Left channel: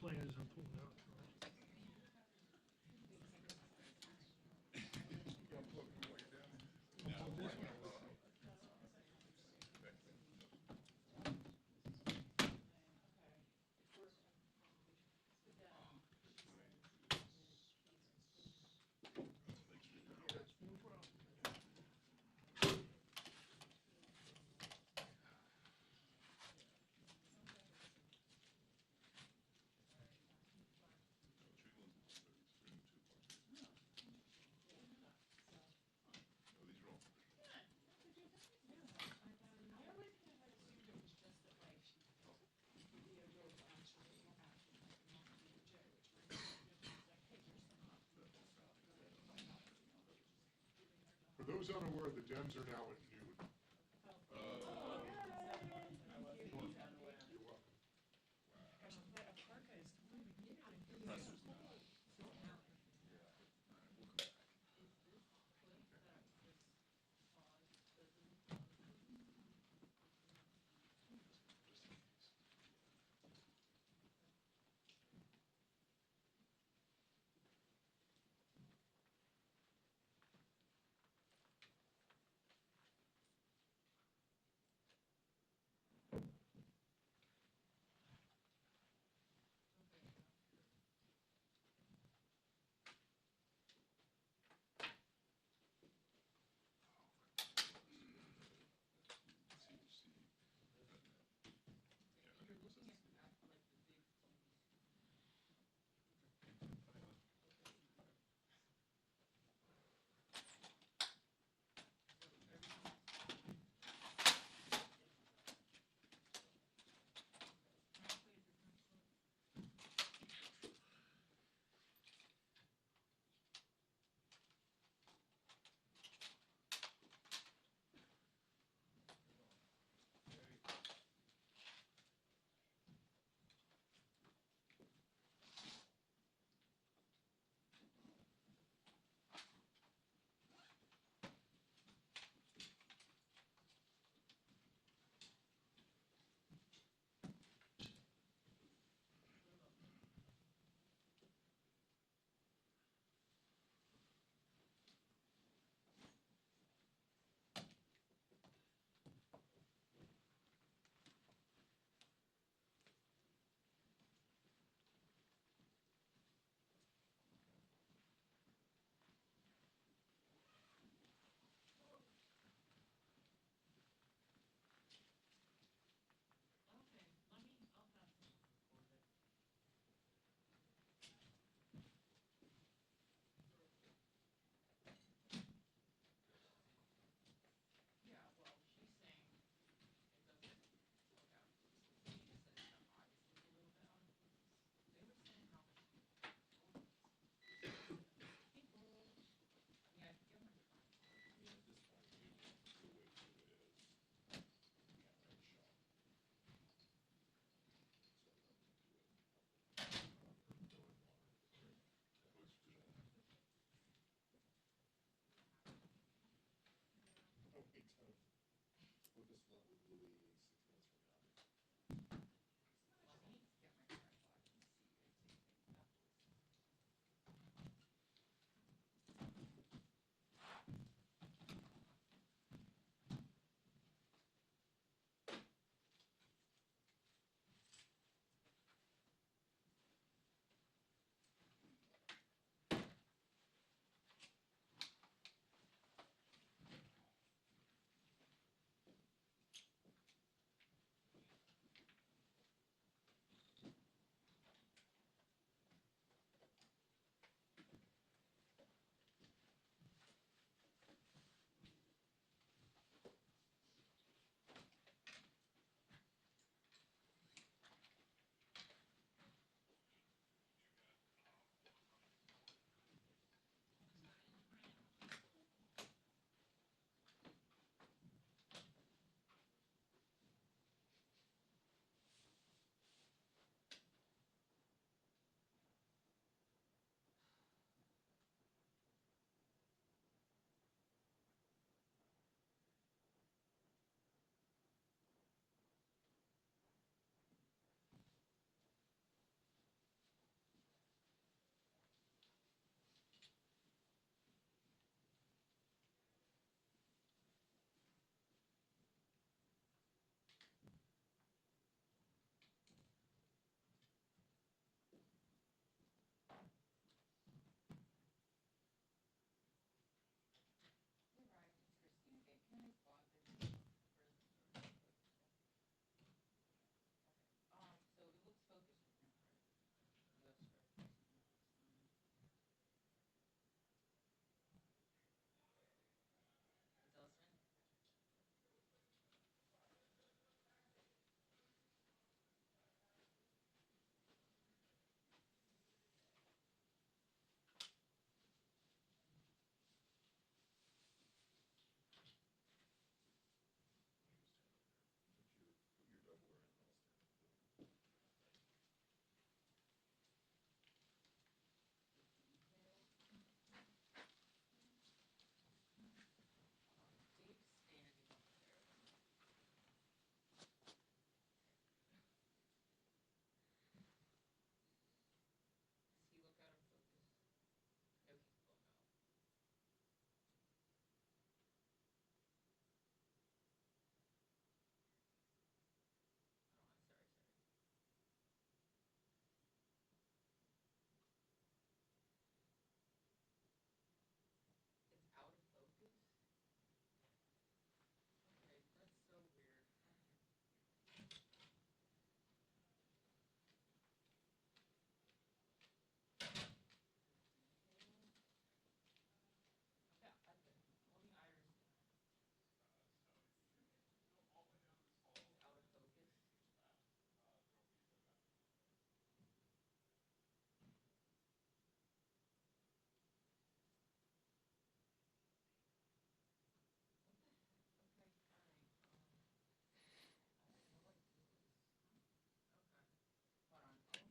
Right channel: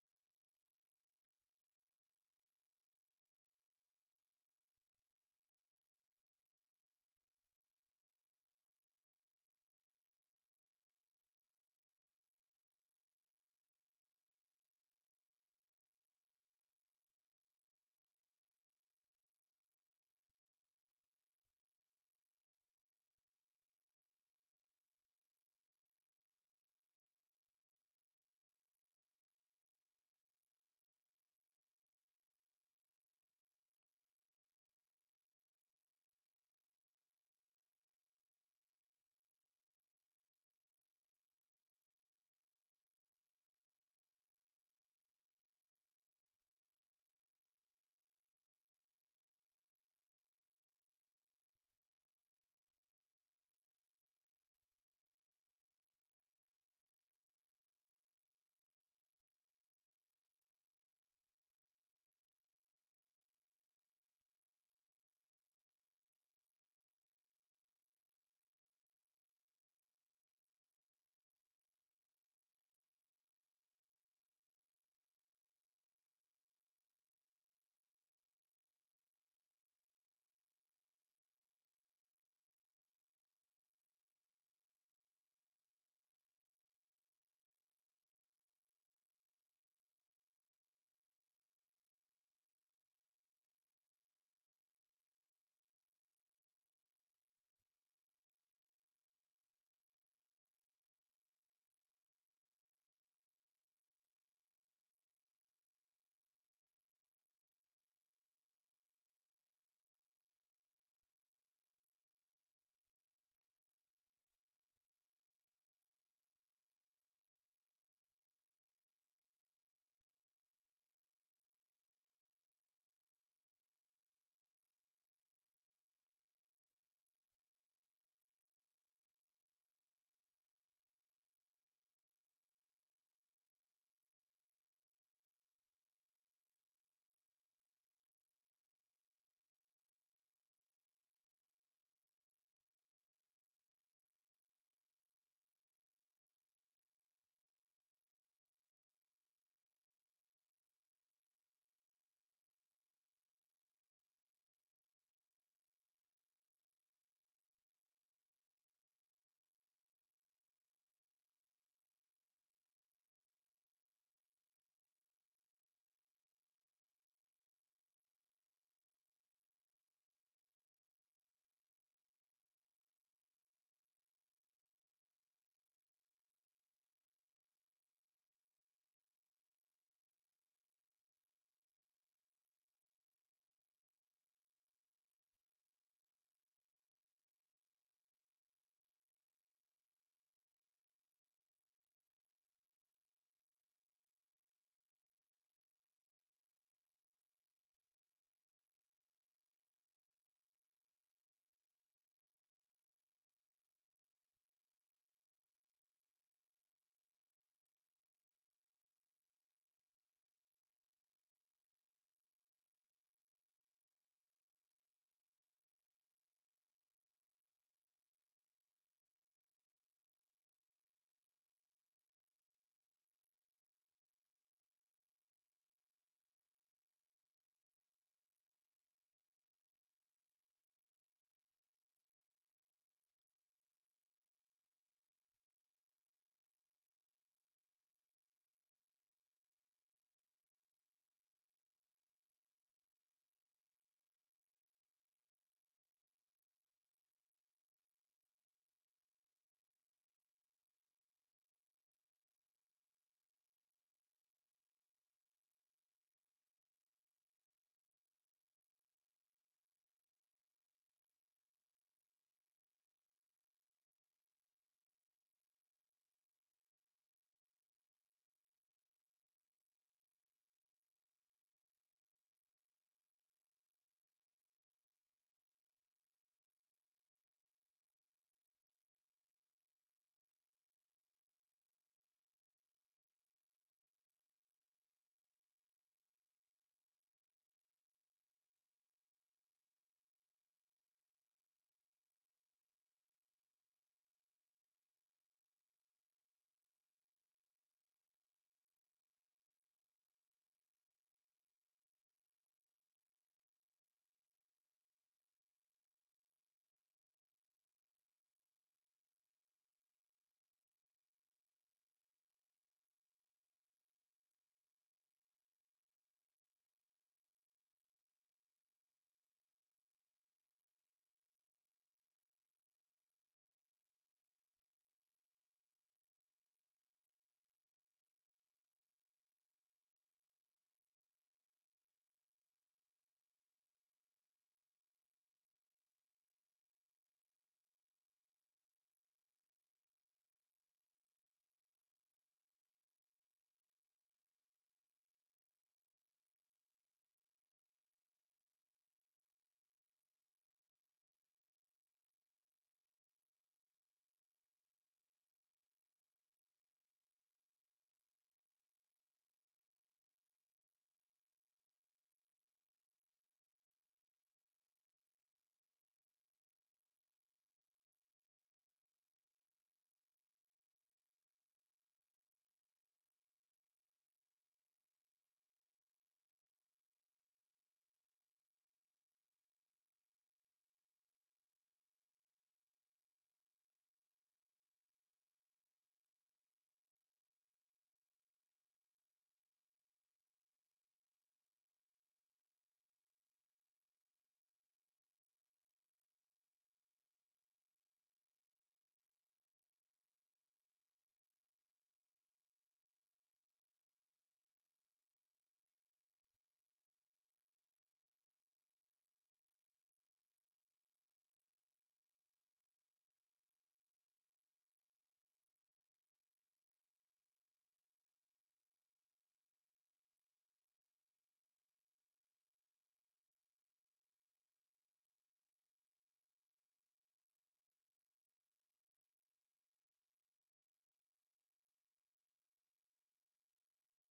plans I'm pulling out. Right? For those unaware, the Dems are now at noon. You're welcome.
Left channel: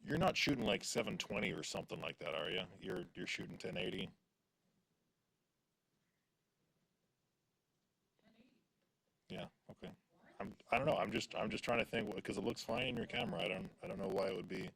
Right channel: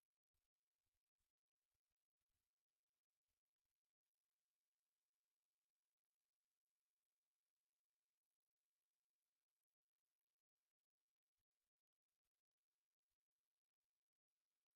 You're not shooting like 720 or something like that, are you? You're shooting 1080. Yeah, okay. I don't know. I'm just trying to think because it looks fine in your camera. I don't know why it would be.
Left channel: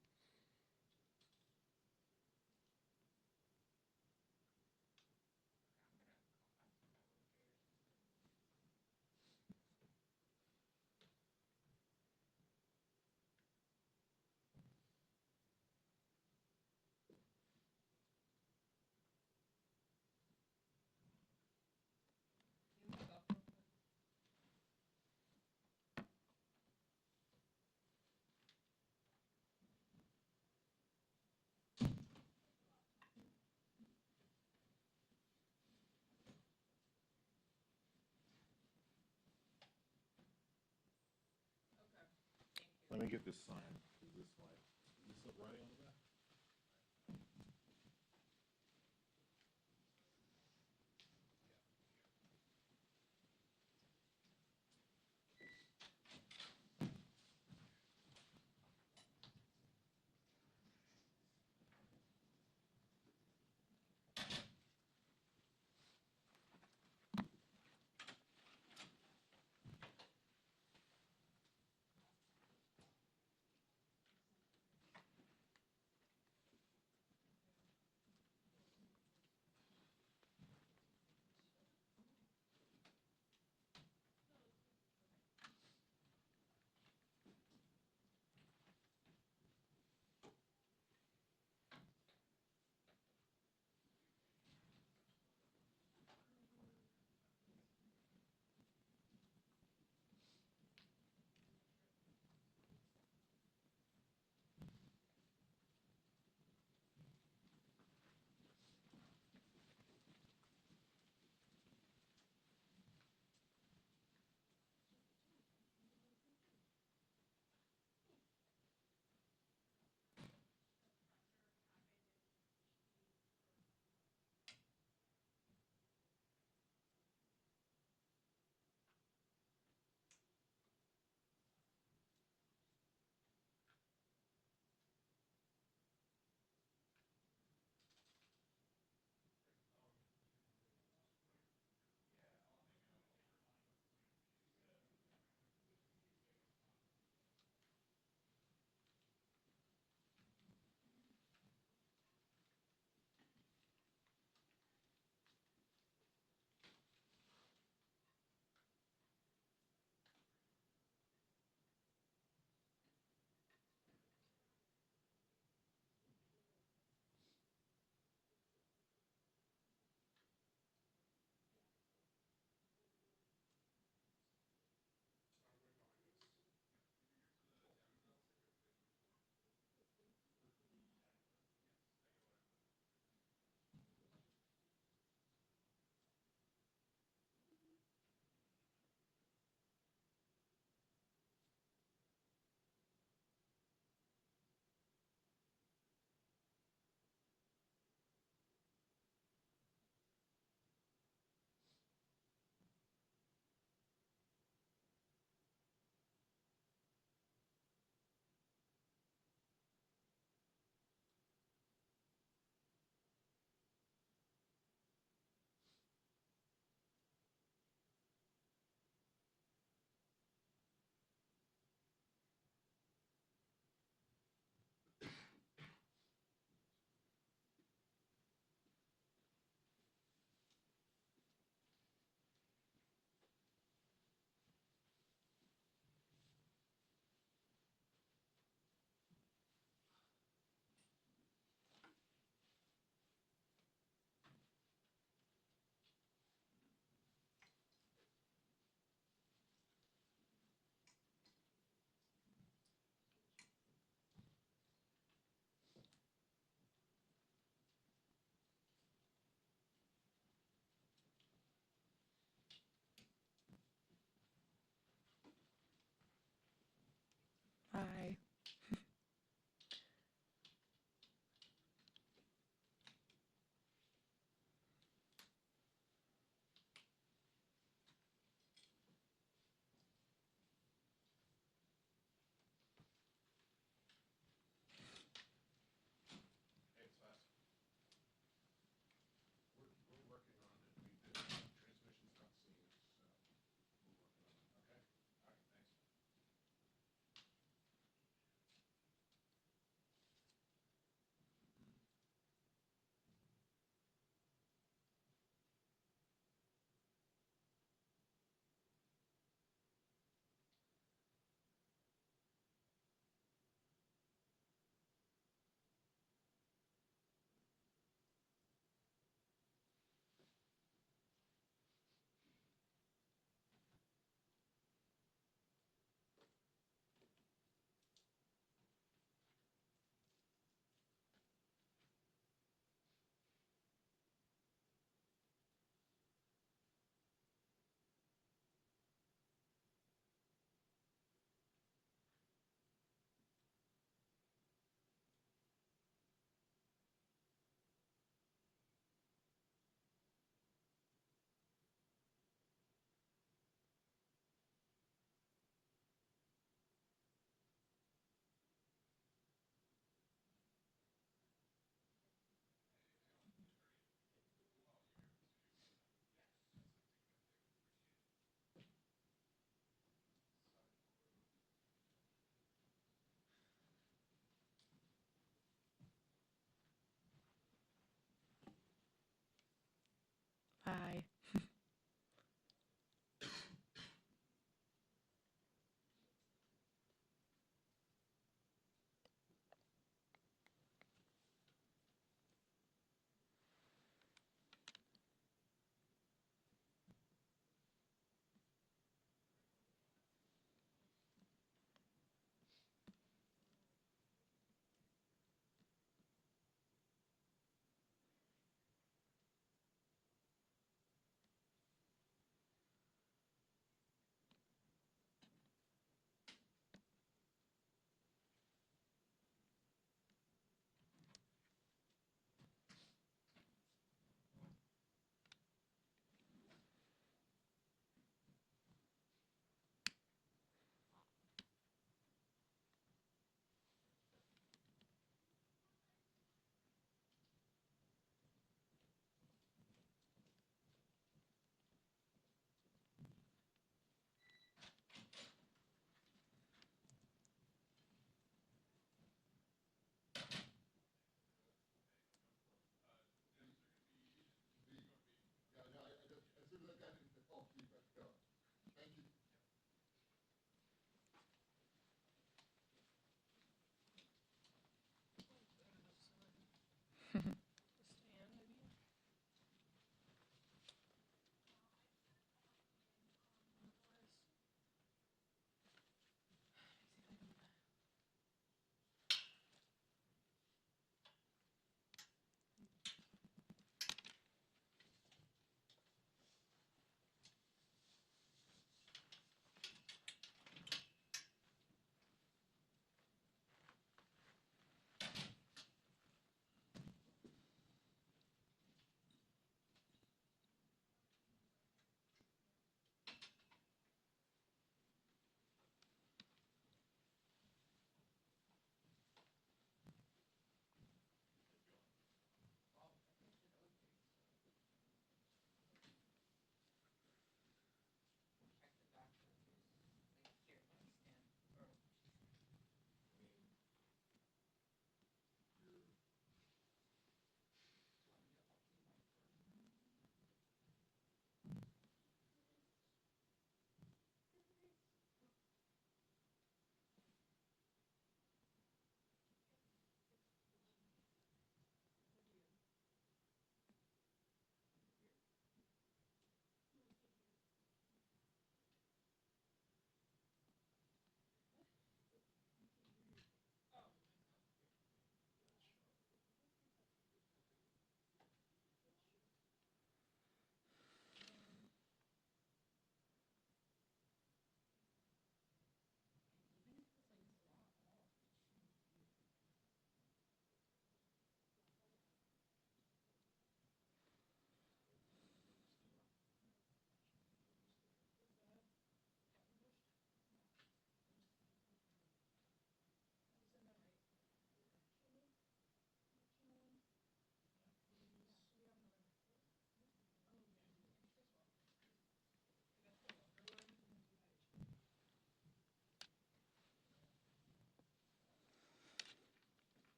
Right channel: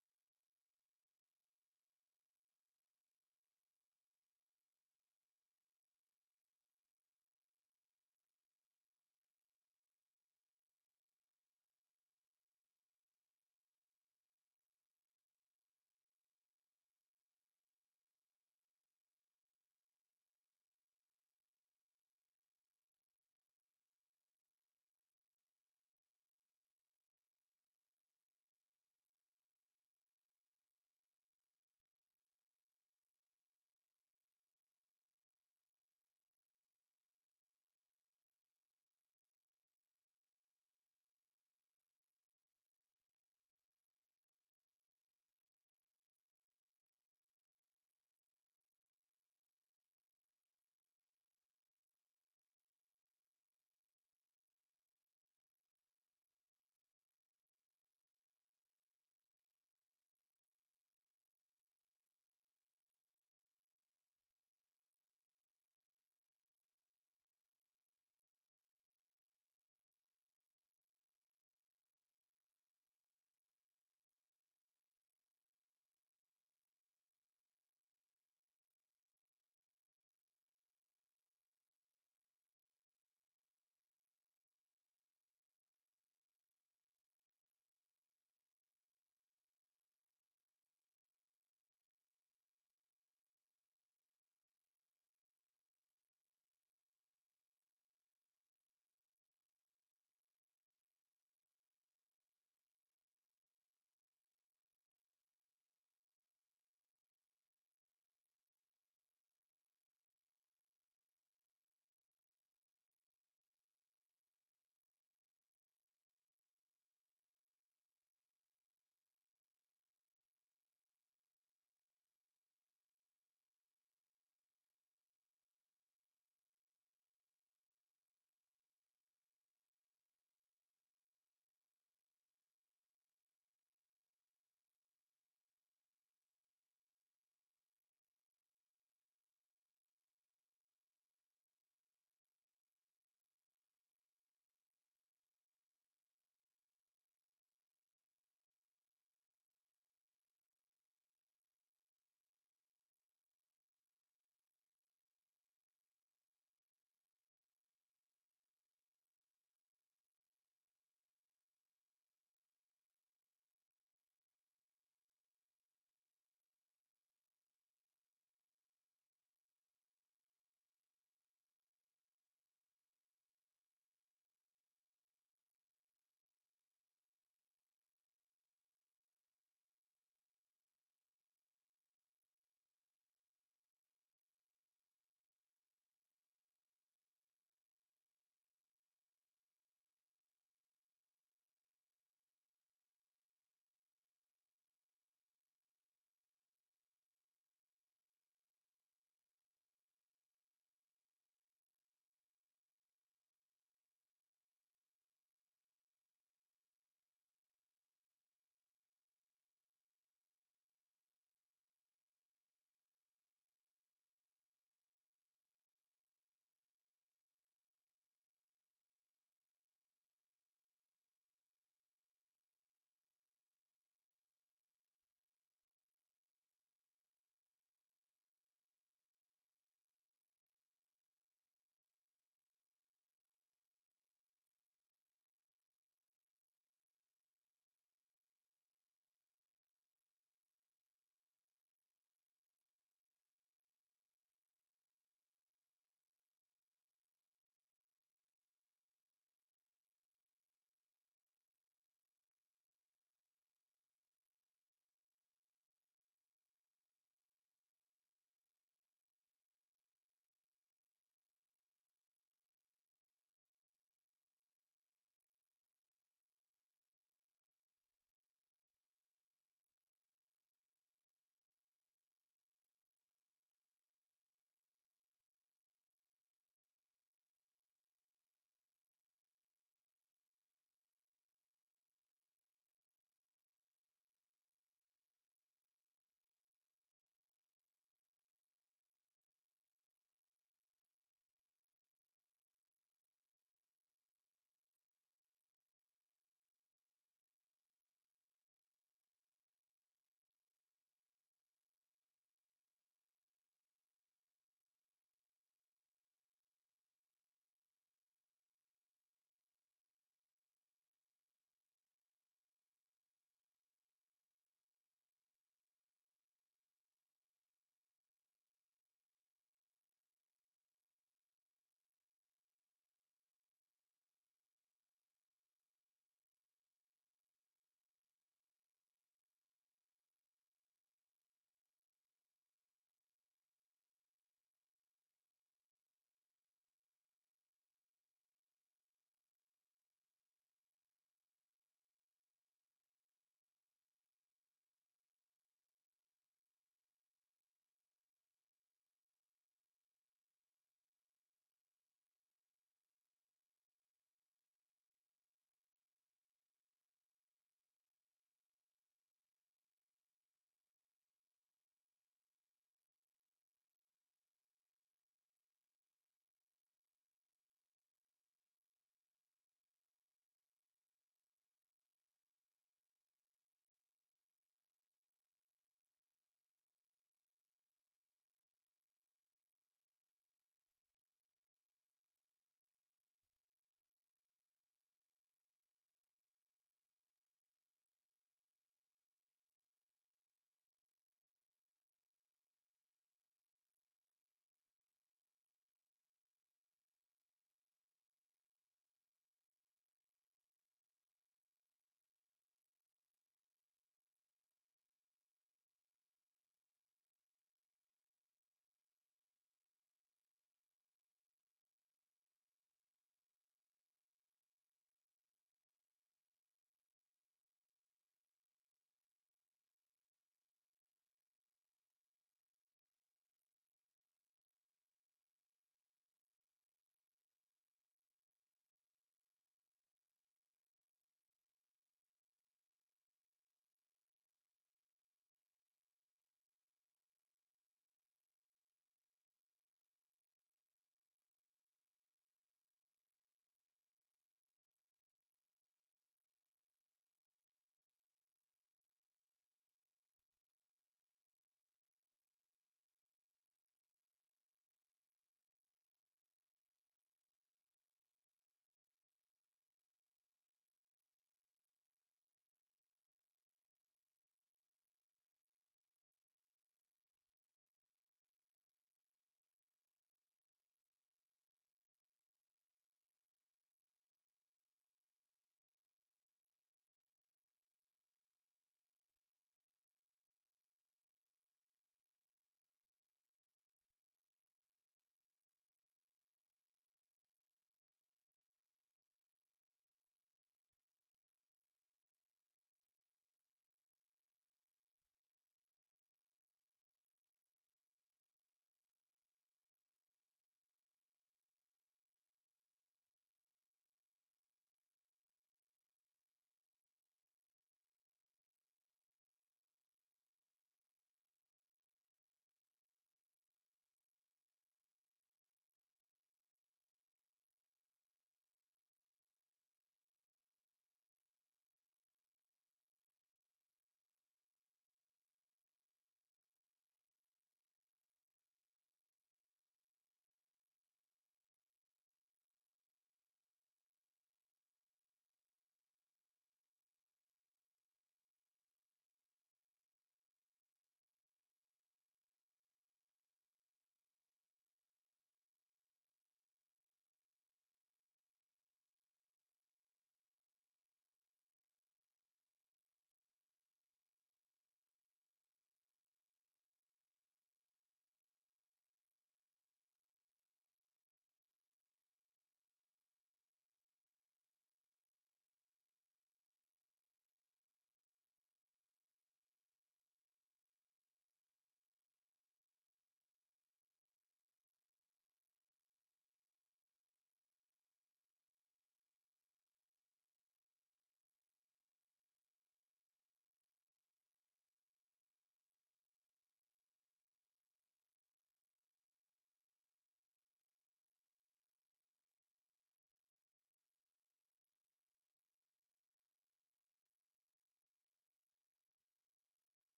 Let me get this sign. Is this writing on the back?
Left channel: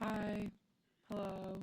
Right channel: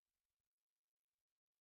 Hi. Hello.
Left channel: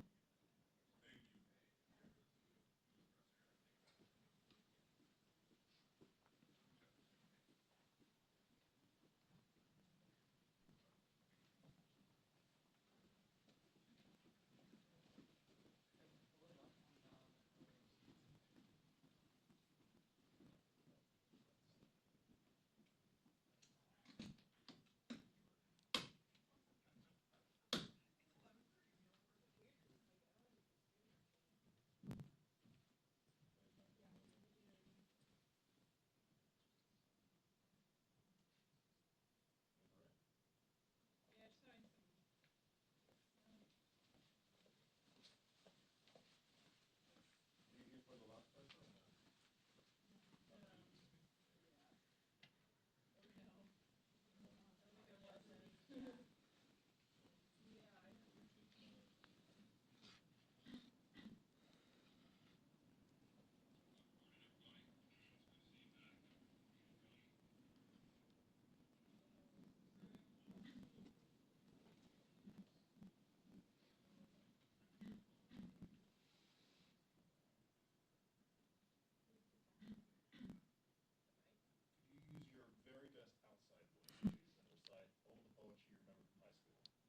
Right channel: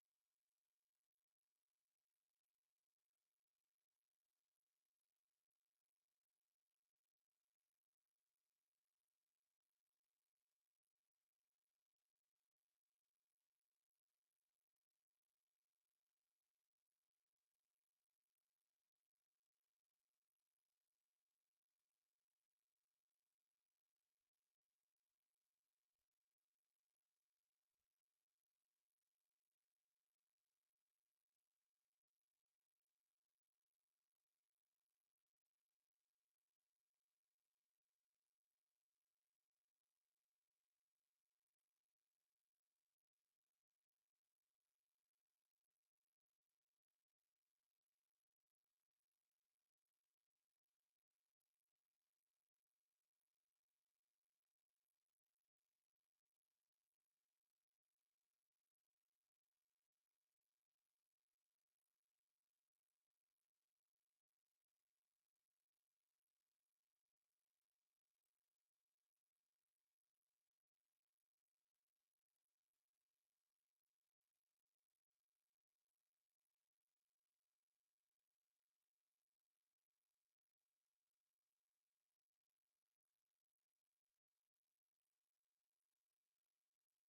Use your very best outside voice, please, and recite all the poetry you remember from high school.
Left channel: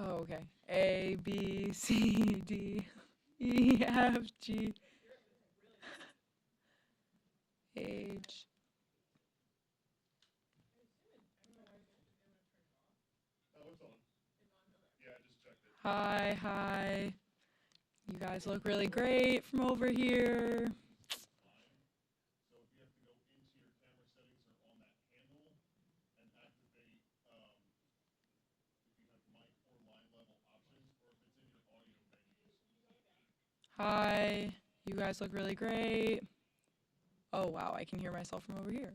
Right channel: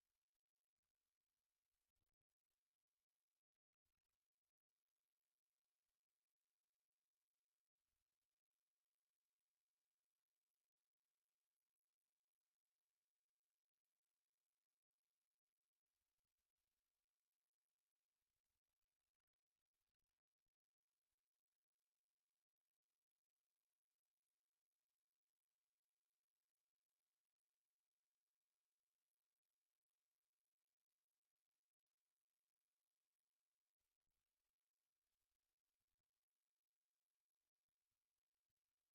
Oh, okay. A, B, C, D, E, F, G, H. Oh, it's on. Yeah, I just checked it. Hi, hi. You guys look really great from over here. Fine. So if you have to go into your camera settings or on that handle and activate, if you have mic or line level options, or if it's in your audio menus. Hi. You guys look really great. Oh, wow. I can hear myself from over here.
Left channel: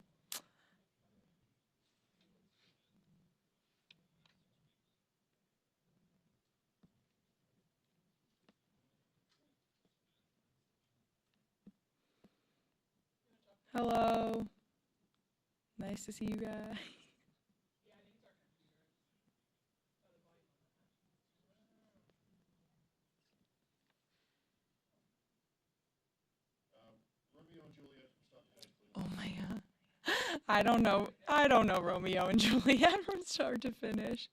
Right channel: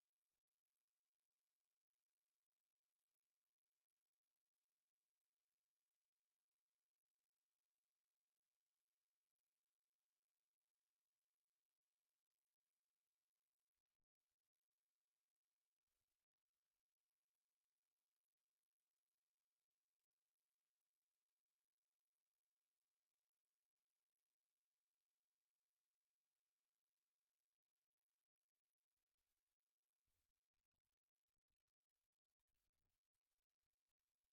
Hello. Nice to see you guys. Romeo and Juliet from start to finish, please. Oh my god. I don't know. I don't know Romeo and Juliet from start to finish.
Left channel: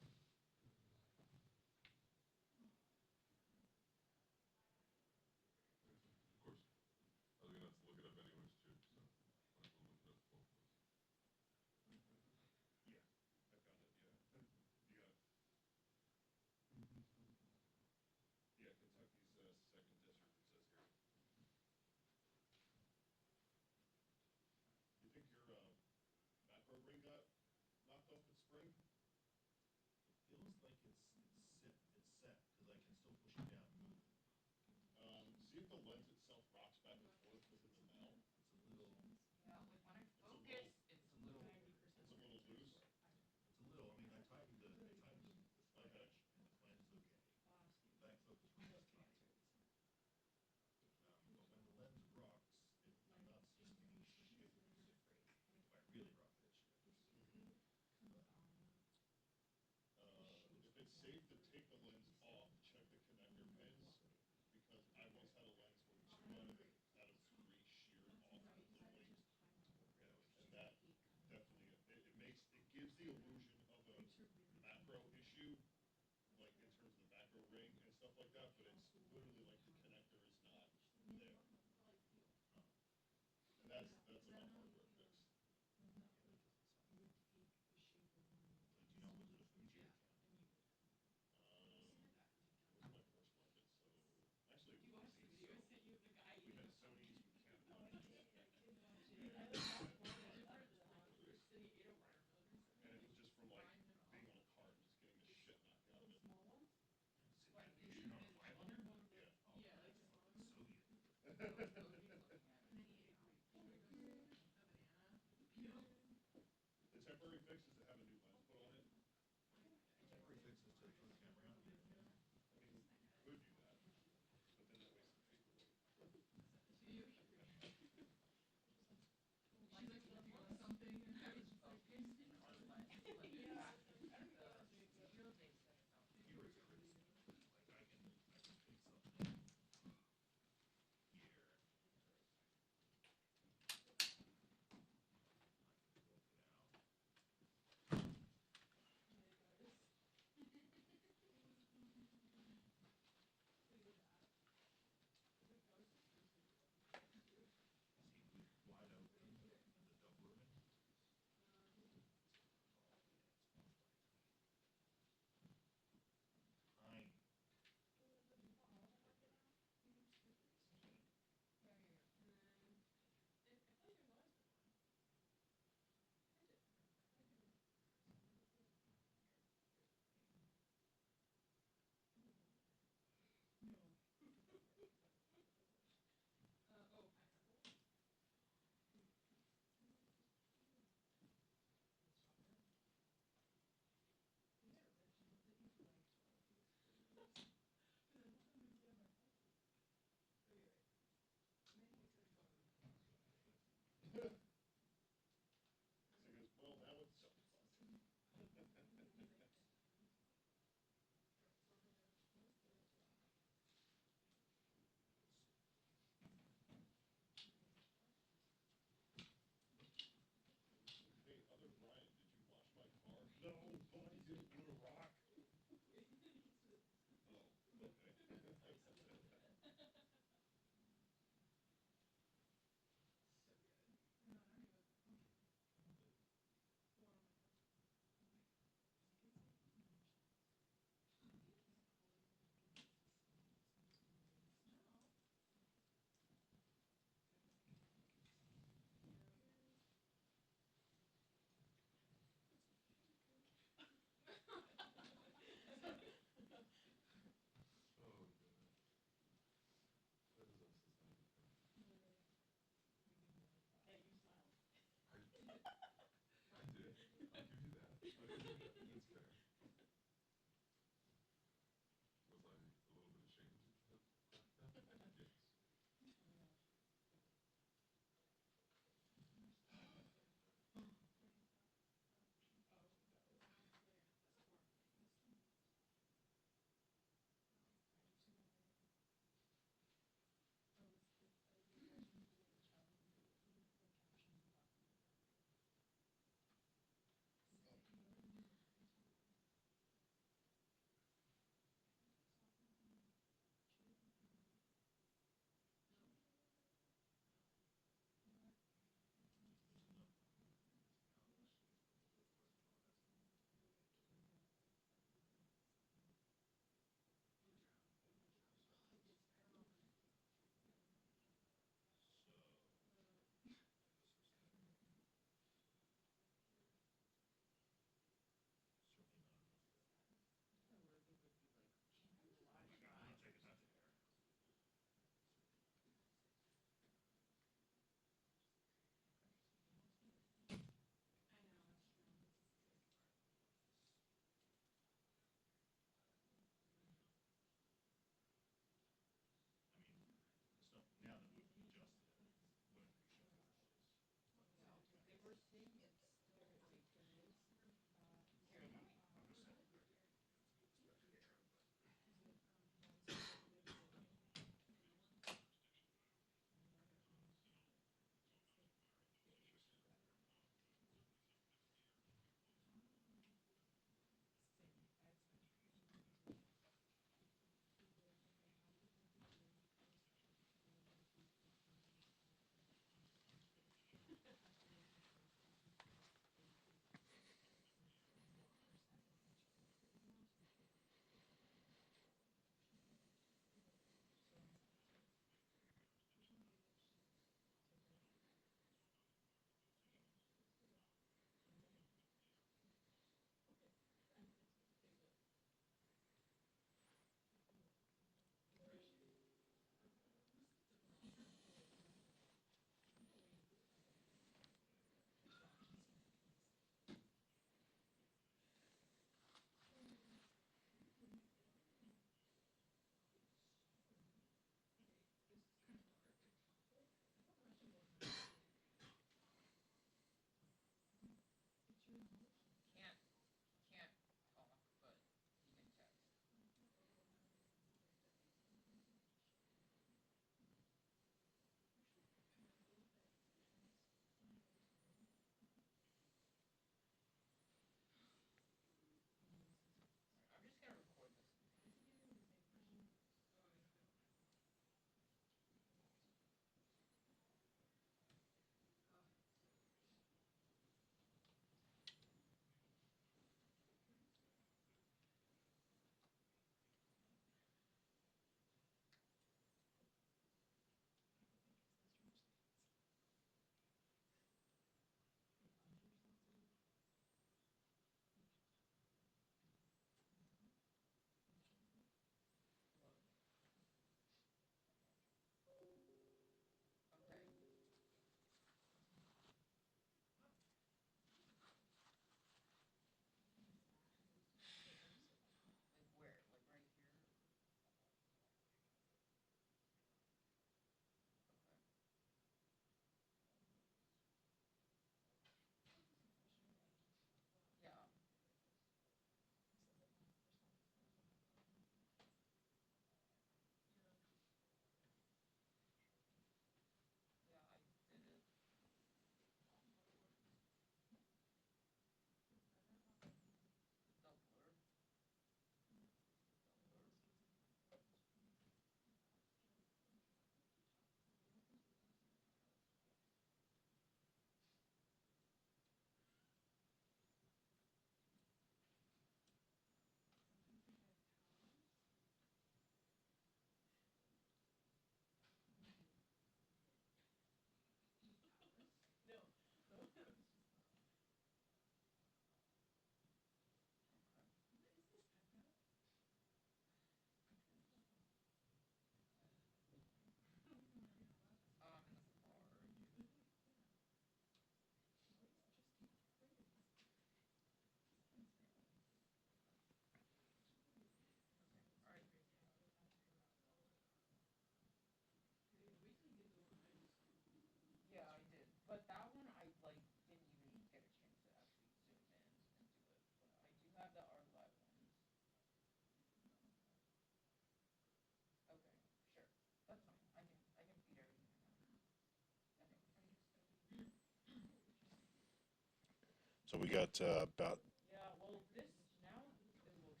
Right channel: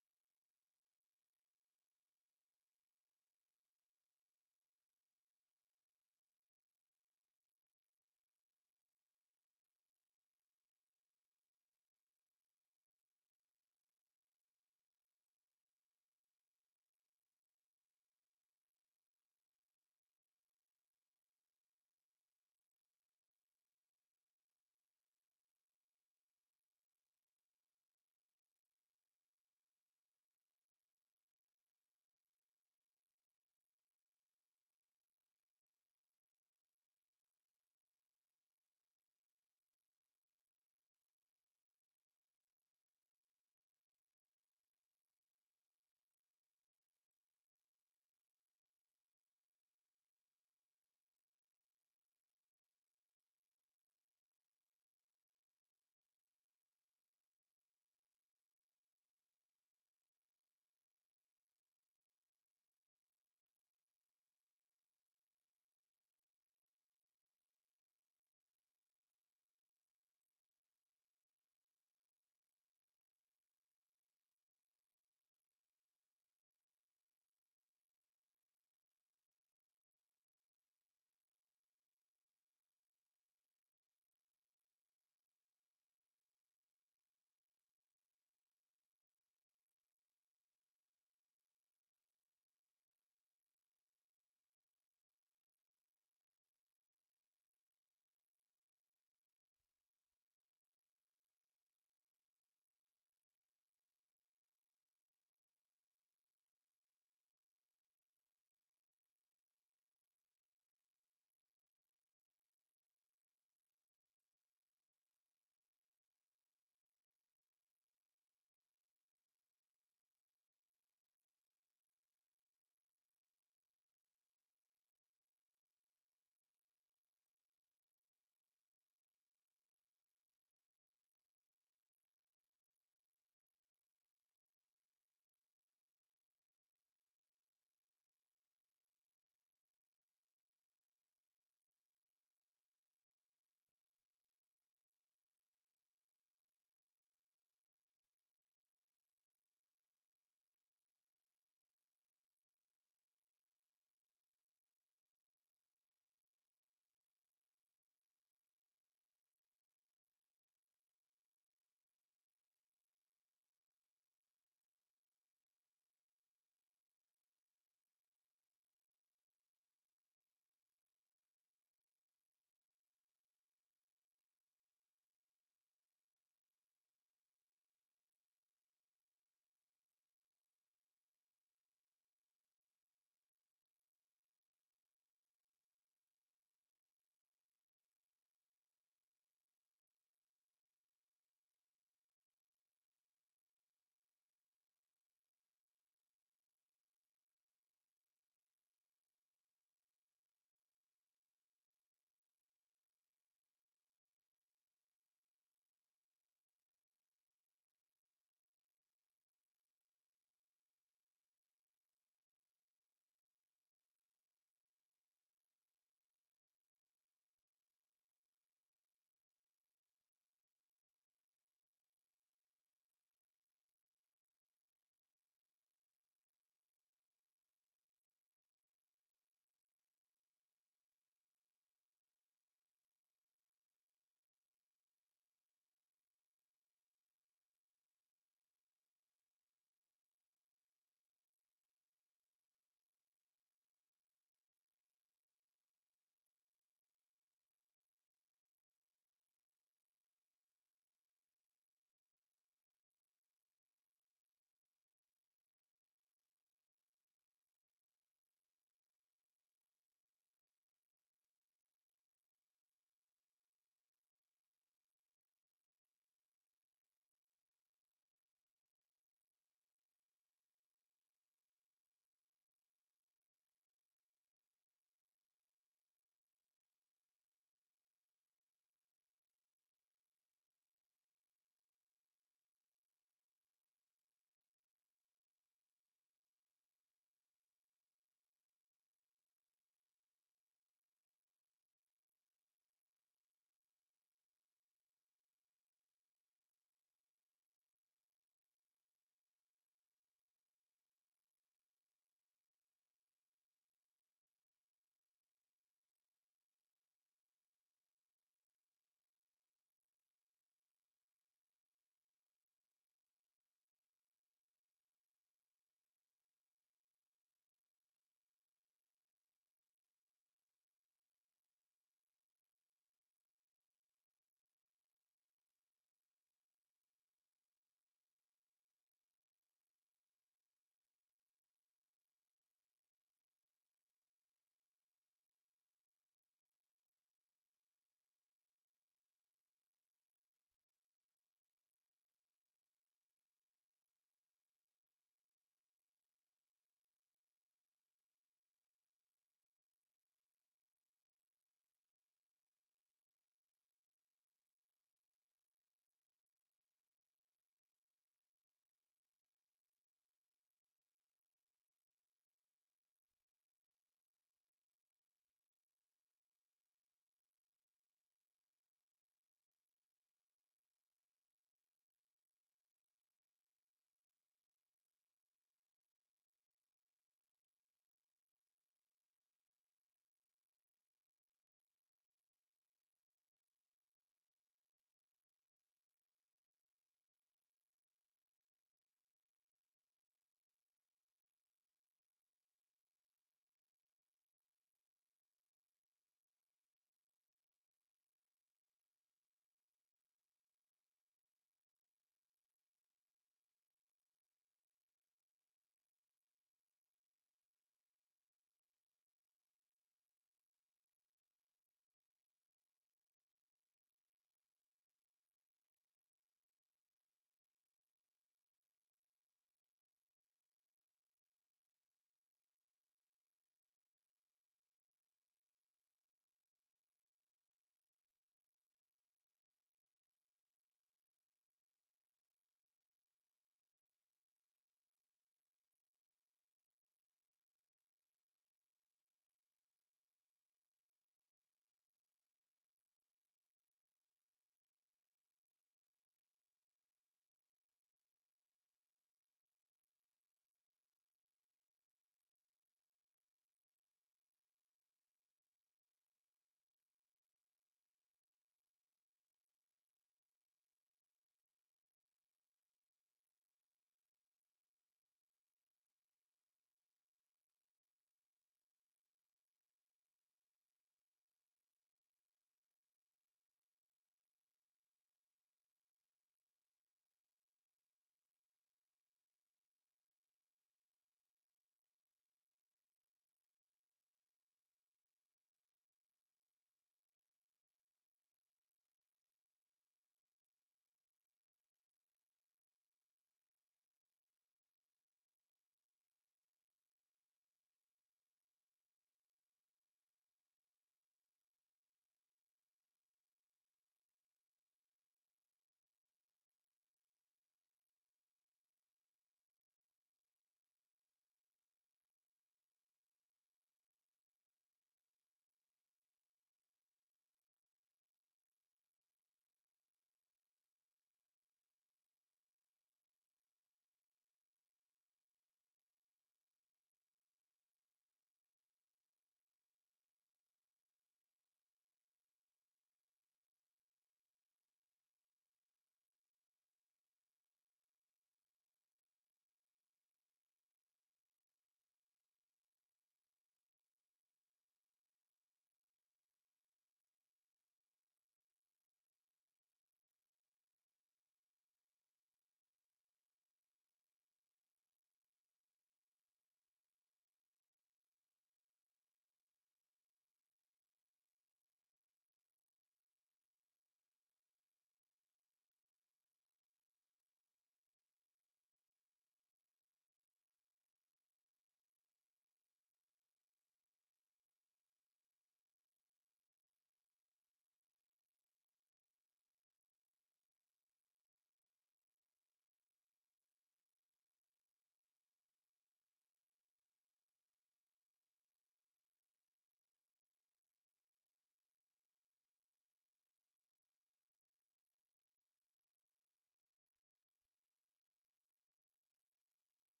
So we got about Yeah, well, this now it definitely does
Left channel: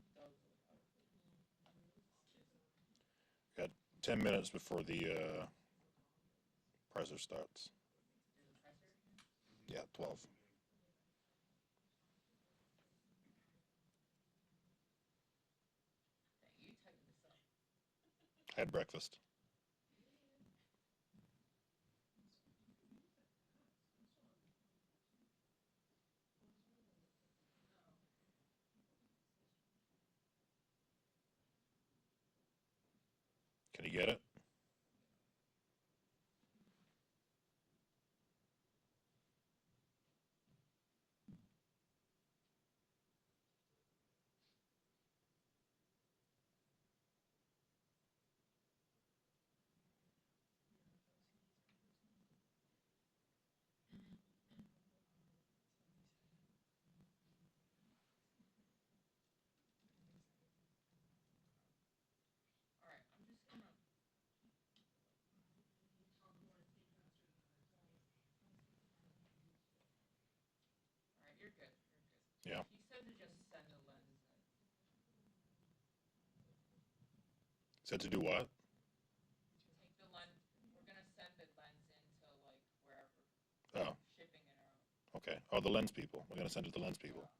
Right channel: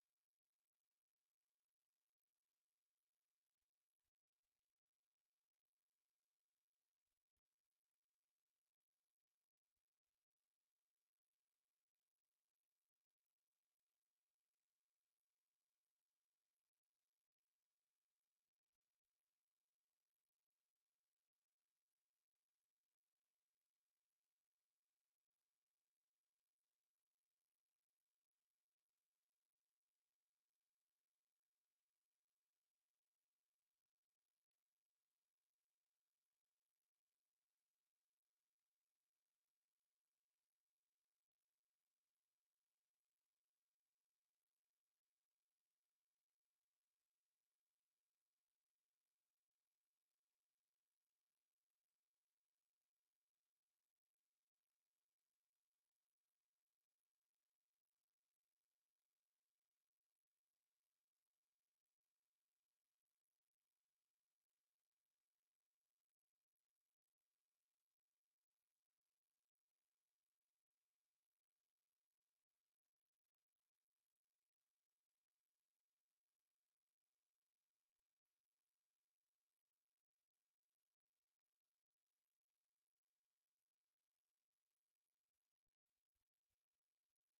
look out of focus. got 10 minutes before the presser starts. There's a presser? Yeah, 12. You typing this up. I had breakfast. Can you get it? All right, I'm just gonna. All right, you're good. You're good. Yeah. He said to just send a lens in. Said to do what? Take the lens. We're gonna send the lens into like wherever. Oh, Shipping it out. okay. Oh, the lens people. We're going to send it to the lens people.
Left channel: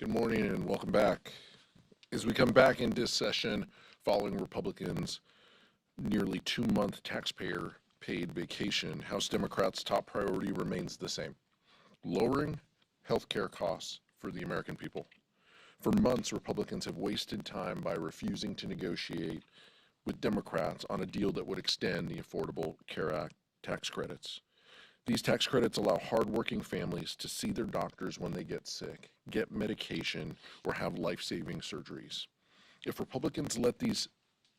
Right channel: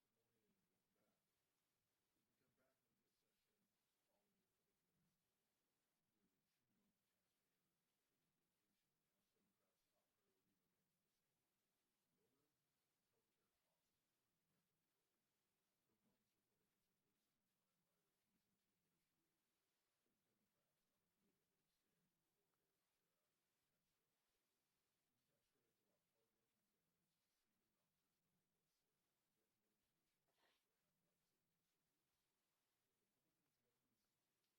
Good morning and welcome back. As we come back into session following Republicans' nearly 2-month taxpayer-paid vacation, House Democrats' top priority remains the same: lowering health care costs for the American people. For months, Republicans have wasted time by refusing to negotiate with Democrats on a deal that would extend the Affordable Care Act tax credits. These tax credits allow hardworking families to see their doctors when they get sick, get medication, or have life-saving surgeries. If Republicans let these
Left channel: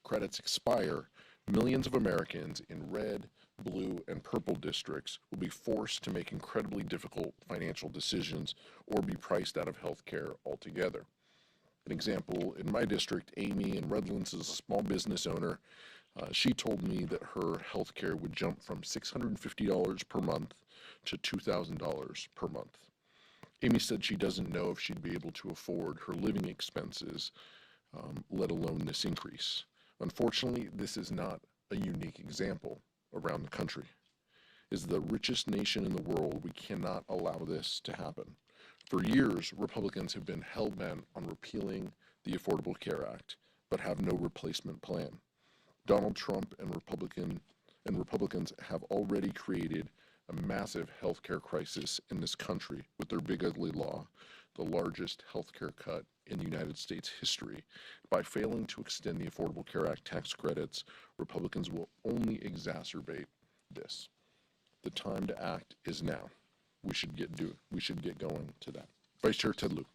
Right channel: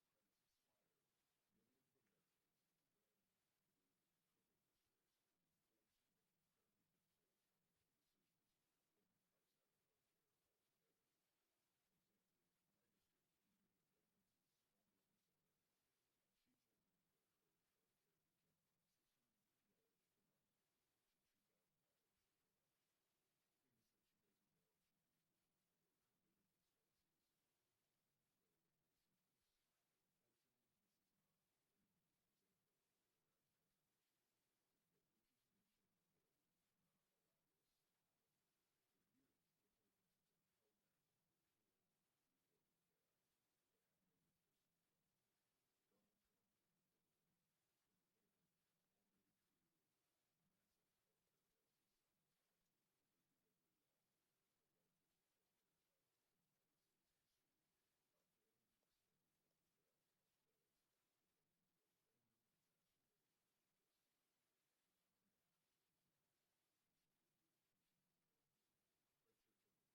credits expire, millions of Americans in red, blue, and purple districts will be forced to make incredibly difficult financial decisions or be priced out of health care altogether. An example, in my district, Amy in Redlands is a small business owner. She told me that her health care would jump from $650 per month to $2,000 per month. Amy said she doesn't know if she'd be able to afford her living expenses, let alone this increase. Unfortunately, this is not a unique example around the country. As the richest nation in the world, we cannot allow this to happen. For years, Republicans have been hell-bent on repealing the Affordable Care Act, but have no replacement plan. Donald Trump and Republicans have already created a massive healthcare crisis in this country with their big ugly law, the largest healthcare cut in the United States history. By failing to extend the Affordable Care Act tax credits, Republicans will only exacerbate this. The time to act is now. We should get going to that. Vice Chair Ted Lieu.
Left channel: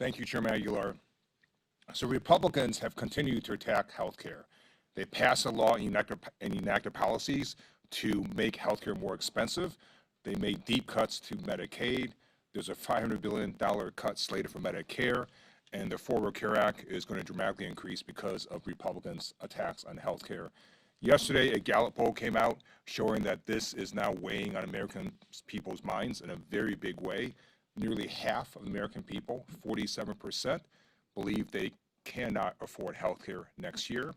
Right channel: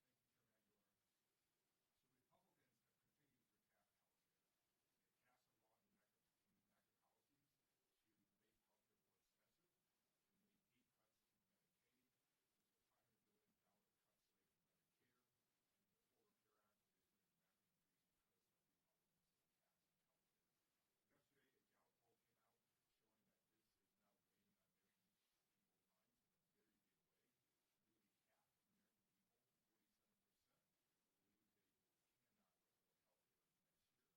Thank you, Chairman Aguilar. So Republicans have continued to attack health care. They passed a law and enacted policies to make health care more expensive. They made deep cuts to Medicaid. There's a $500 billion cut slated for Medicare, and the Affordable Care Act is going to dramatically increase because of Republicans' attacks on health care. Yesterday, a Gallup poll came out showing that this is now weighing on American people's minds in a very big way. Nearly half of American people, 47%, believe they cannot afford health care next year.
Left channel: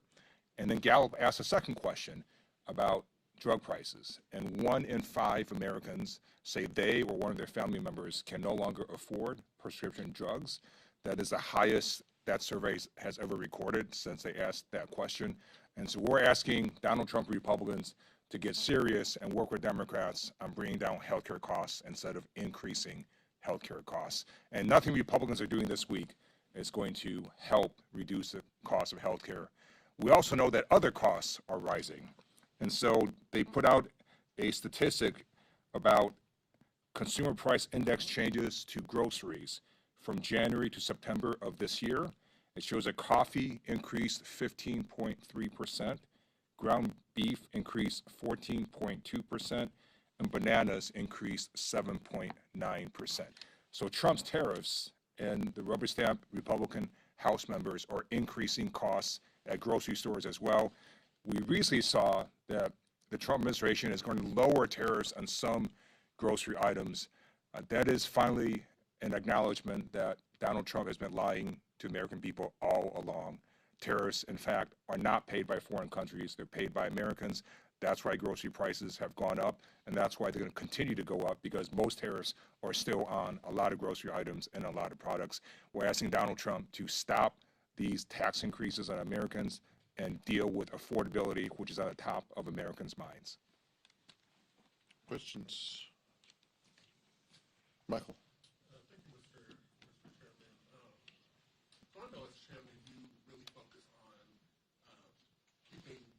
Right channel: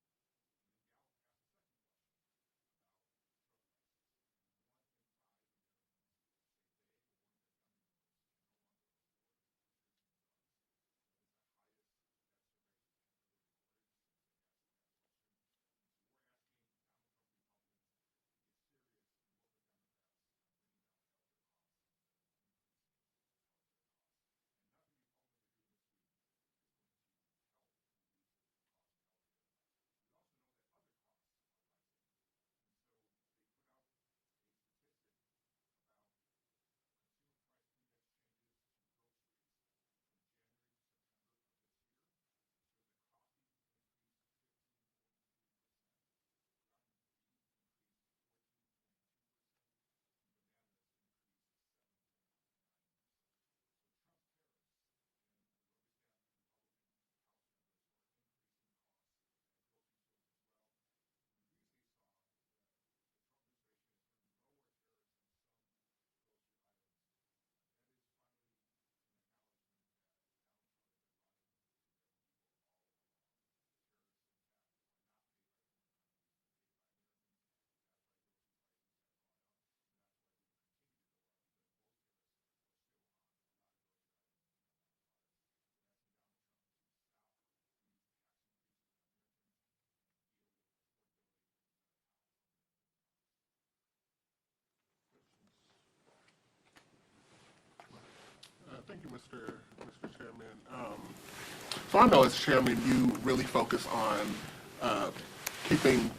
And then Gallup asked a second question about drug prices. And 1 in 5 Americans say they or one of their family members can no longer afford prescription drugs. That is the highest that survey has ever recorded since they asked that question. And so we're asking Donald Trump Republicans to get serious and work with Democrats on bringing down healthcare costs instead of increasing healthcare costs. And nothing Republicans are doing this week is going to help reduce the cost of healthcare. We also know that other costs are rising. And so they put out a statistic about consumer price index changes to groceries from January to September of this year. It shows that coffee increased 15.3%, ground beef increased 14.2%, and bananas increased 7.9%. So Trump's tariffs and the rubber stamp Republican House members are increasing costs at grocery stores as well. We recently saw that the Trump administration is going to lower tariffs on some grocery items. That is finally an acknowledgement that Donald Trump has been lying to American people all along. Tariffs, in fact, are not paid by foreign countries. They're paid by Americans. That's why grocery prices have gone up, and that's why they're going to continue to go up, because most tariffs are still on a lot of grocery items and a lot of products. We're asking Donald Trump to stop these tax increases on Americans and deal with affordability, which is at the top of Americans' minds. Questions? Michael. Thank you, Mr. Chairman. So I know as chairman, you really focus on keeping,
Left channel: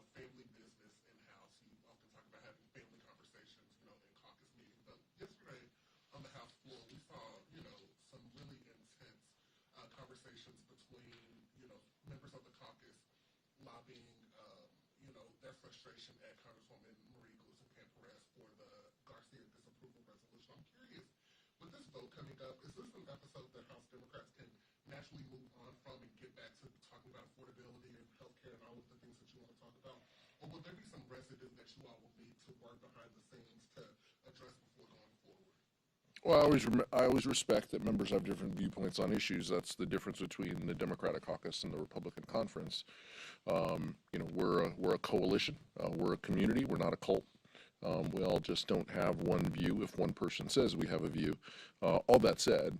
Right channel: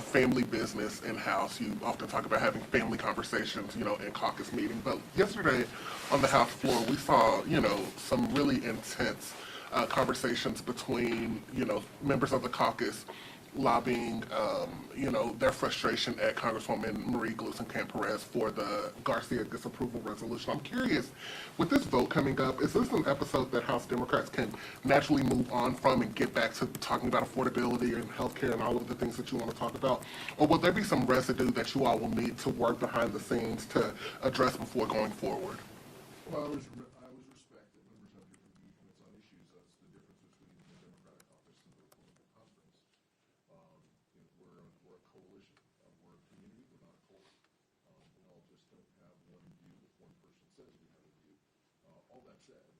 family business in-house. You often talk about having family conversations, in caucus meeting. But yesterday on the House floor, we saw, some really intense conversations between, members of the caucus lobbying, their frustration at Congresswoman Marie Gluesenkamp-Perez for the Garcia disapproval resolution. I'm curious, with this vote coming up, is this an episode that House Democrats can naturally move on from and get back to talking about affordability and healthcare and all of the things that you want to talk about? Or will there be some residue that you all will need to work behind the scenes to address before going forward? Well, I always respect that members have different viewpoints on issues. That's the difference between the Democratic caucus and the Republican conference. We're a coalition. We're a community. We're not a cult. We all just don't have one view if one person says we have a view. All that said,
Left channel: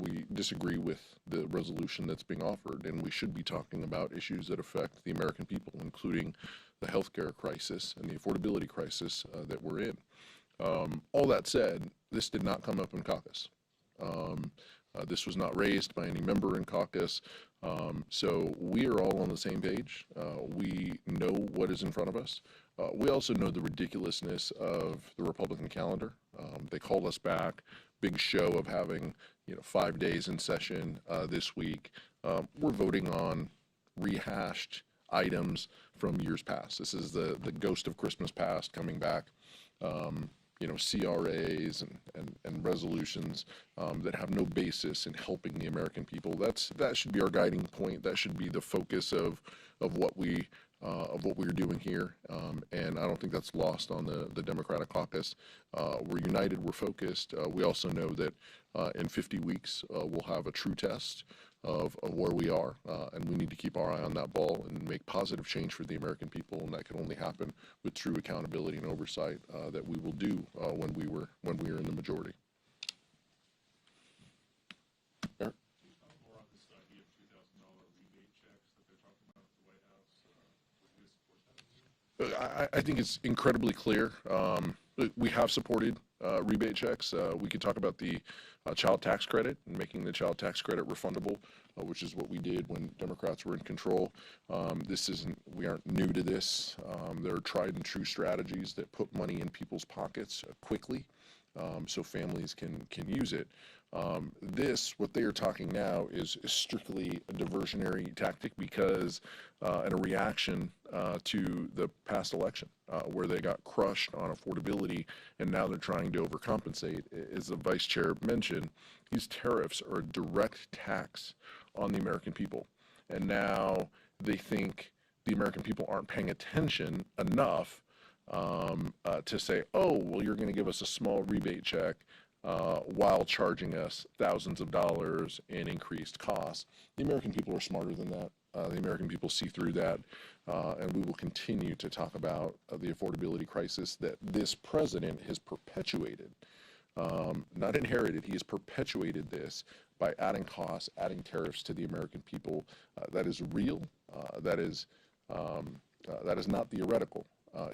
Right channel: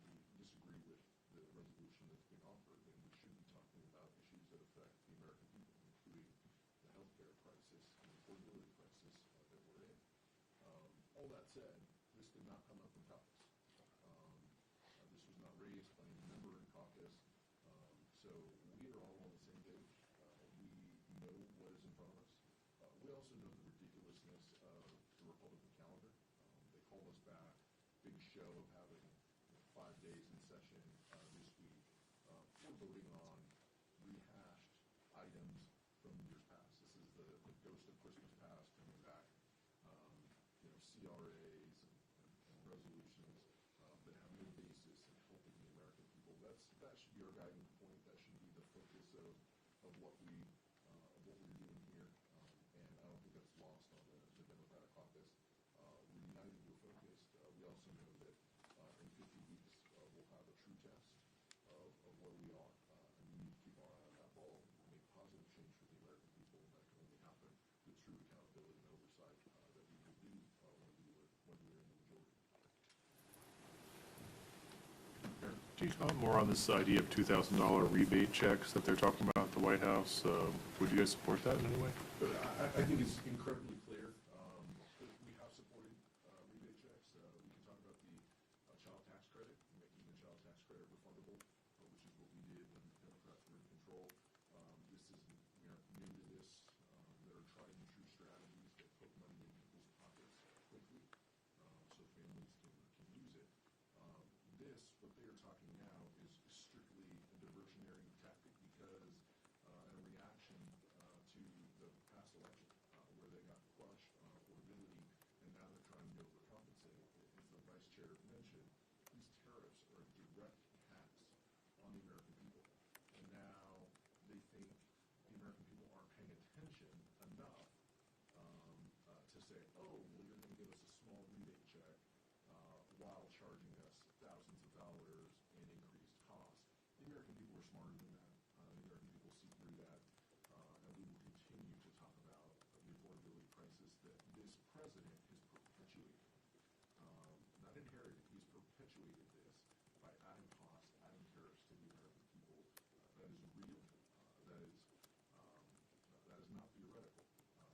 we disagree with the resolution that's being offered, and we should be talking about issues that affect the American people, including the healthcare crisis and the affordability crisis that we're in. All that said, this did not come up in caucus. This was not raised by any member in caucus, so we are all on the same page. We know what is in front of us. We also know the ridiculousness of the Republican calendar. They called us back, big show of having 5 days in session this week. We're voting on rehashed items from years past. This is the ghost of Christmas past coming back. CRAs and resolutions that have no basis in helping the American people. That should be our guiding point. That should be the focus of what we're doing here. And I don't think that's lost on the Democratic caucus. We're united. We're focused. We also know that in 50 weeks we'll have a true test of where we are, and we need to keep our eye on that ball and make positive change for the American people, and that can only happen with true accountability and oversight that we will do when we are in the majority. Do you comment more on this idea of $2,000 rebate checks that they're talking about at the White House? Would you guys support that in any way? I think it's incredibly clear. We have supported rebate checks. We could talk about the child tax credit and making the child tax credit refundable, which is what we did when Democrats were in control. We aren't new to this. There are tried and true strategies that put money in people's pockets quickly, so families can use it. What they are talking now is strictly a diversionary tactic because, and a reaction to the past election where they got crushed on affordability, and now they're trying to overcompensate. As the vice chair mentioned, these tariffs are a direct tax on the American people, and now they think the American people aren't paying attention enough to say, oh, well, you're going to give us a small rebate check while charging us thousands of dollars in increased costs. The American people are smarter than that. The American people see through that, and we will continue to talk about the affordability crisis that this president has perpetuated, not inherited. He has perpetuated this by adding costs, adding tariffs to the American people. That is real. That is not theoretical.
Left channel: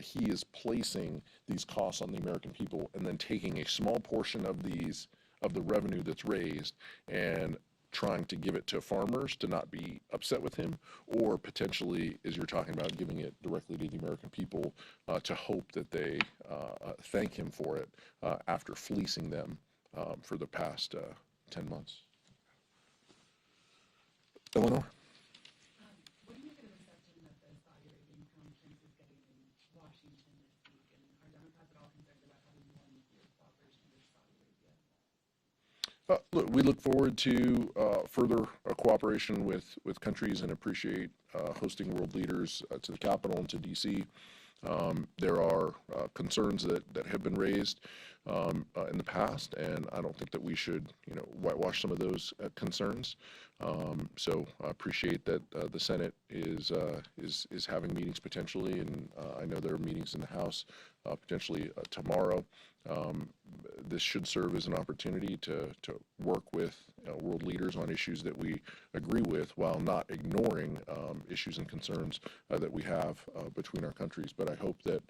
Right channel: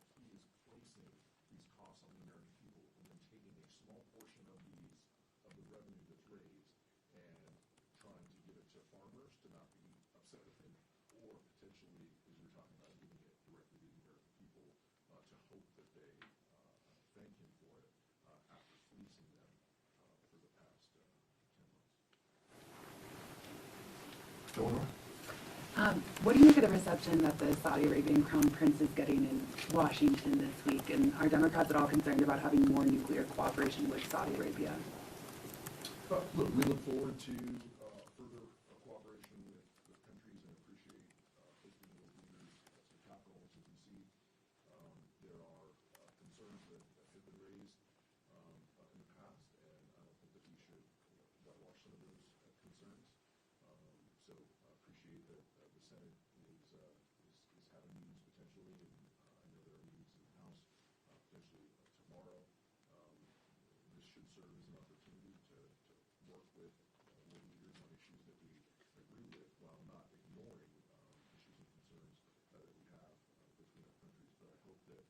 He is placing these costs on the American people and then taking a small portion of the revenue that's raised and trying to give it to farmers to not be upset with him, or potentially, as you're talking about, giving it directly to the American people to hope that they thank him for it after fleecing them for the past 10 months. Eleanor? What do you make of the reception that the Saudi Arabian Crown Prince is getting in Washington this week? And are Democrats at all concerned about having more nuclear cooperation with Saudi Arabia? Look, we look forward to further cooperation with countries and appreciate hosting world leaders to the Capitol and to D.C. There are concerns that have been raised in the past, and I don't think that we should, whitewash some of those concerns. So I appreciate that the Senate is having meetings potentially, and I know there are meetings in the House potentially tomorrow. This should serve as an opportunity to work with world leaders on issues that we agree with, while not ignoring issues and concerns that we have between our countries. But I hope that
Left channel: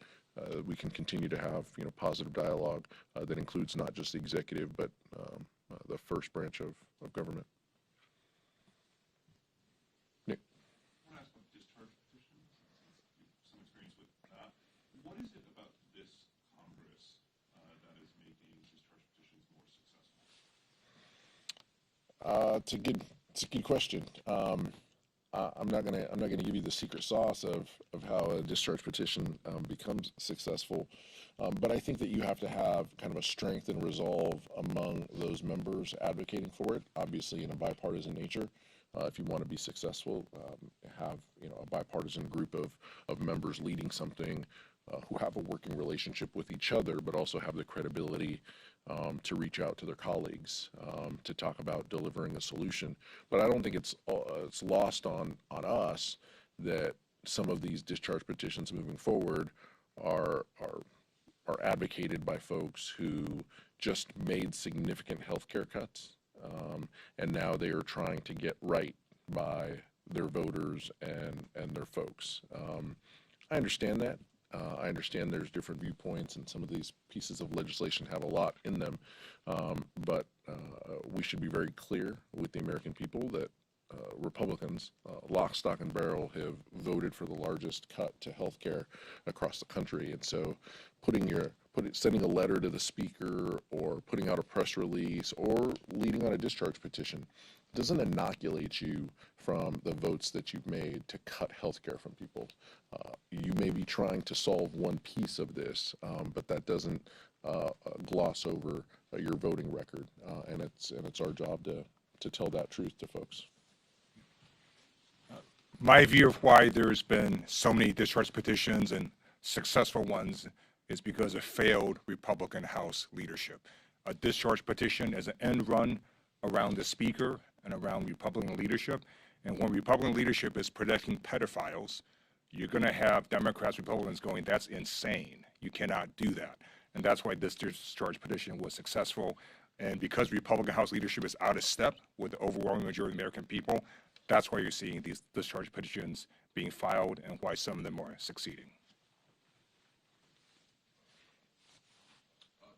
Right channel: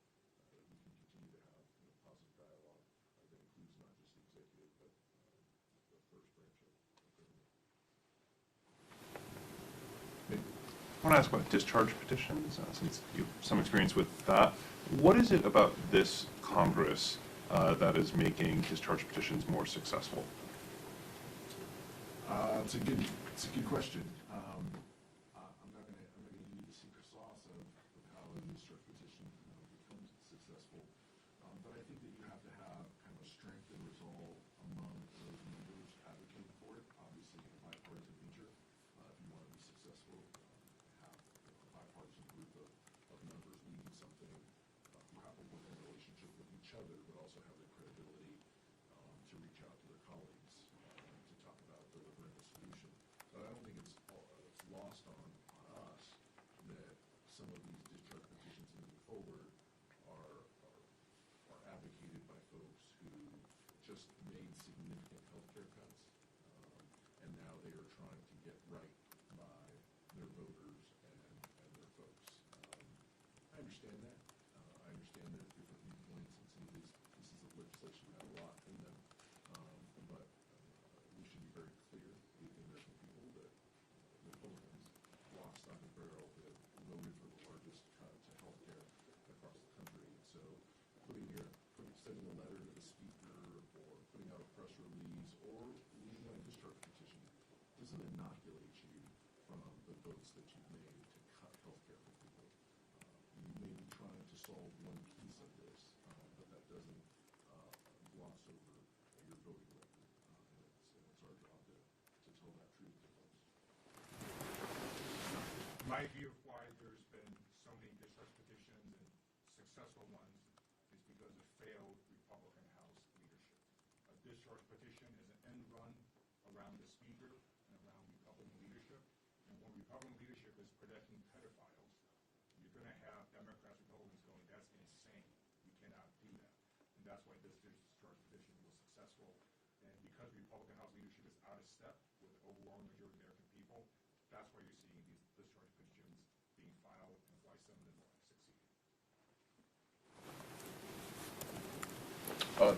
we can continue to have positive dialogue that includes not just the executive, but the first branch of government. I want to ask about discharge petitions, since you have some experience with that. What is it about this Congress that is making discharge petitions more successful? It's a good question. I'm not gonna give you the secret sauce of how a discharge petition becomes successful, but I think that you have to have kind of a strength and resolve among those members advocating for it. Obviously, in a bipartisan nature, if you want to be successful, have a bipartisan group of members leading something who have a working relationship with each other, but also have the credibility to reach out to their colleagues to talk about delivering a solution. But I don't think it's lost on us that some of these discharge petitions moving forward are advocated by folks who just made significant healthcare cuts, and now they are trying to get right by their voters and their folks. I understand that. I understand there's different viewpoints, and some of these pieces of legislation have a lot in them. But we should be very clear with the American people that Republicans, lock, stock, and barrel, have voted for the largest cut to health care across the country. And so sending a letter to the speaker or putting out a press release or leading on a discharge petition doesn't inoculate you from the votes that you've made to cut health care from people. You may be trying to solve one piece of this, but that doesn't gloss over your voting record, and it's our job to tell that truth to folks. My view of why there's been so many discharge petitions and successful ones is because of failed Republican House leadership. A discharge petition is an end run around the speaker and around Republican leadership. And when Republican leadership is protecting pedophiles, you're going to have Democrats, Republicans going, that's insane. You cannot do that. And that's why this discharge petition was successful. And because Republican House leadership is out of step with the overwhelming majority of the American people, that's why you're seeing these discharge petitions being filed and why some of them are succeeding.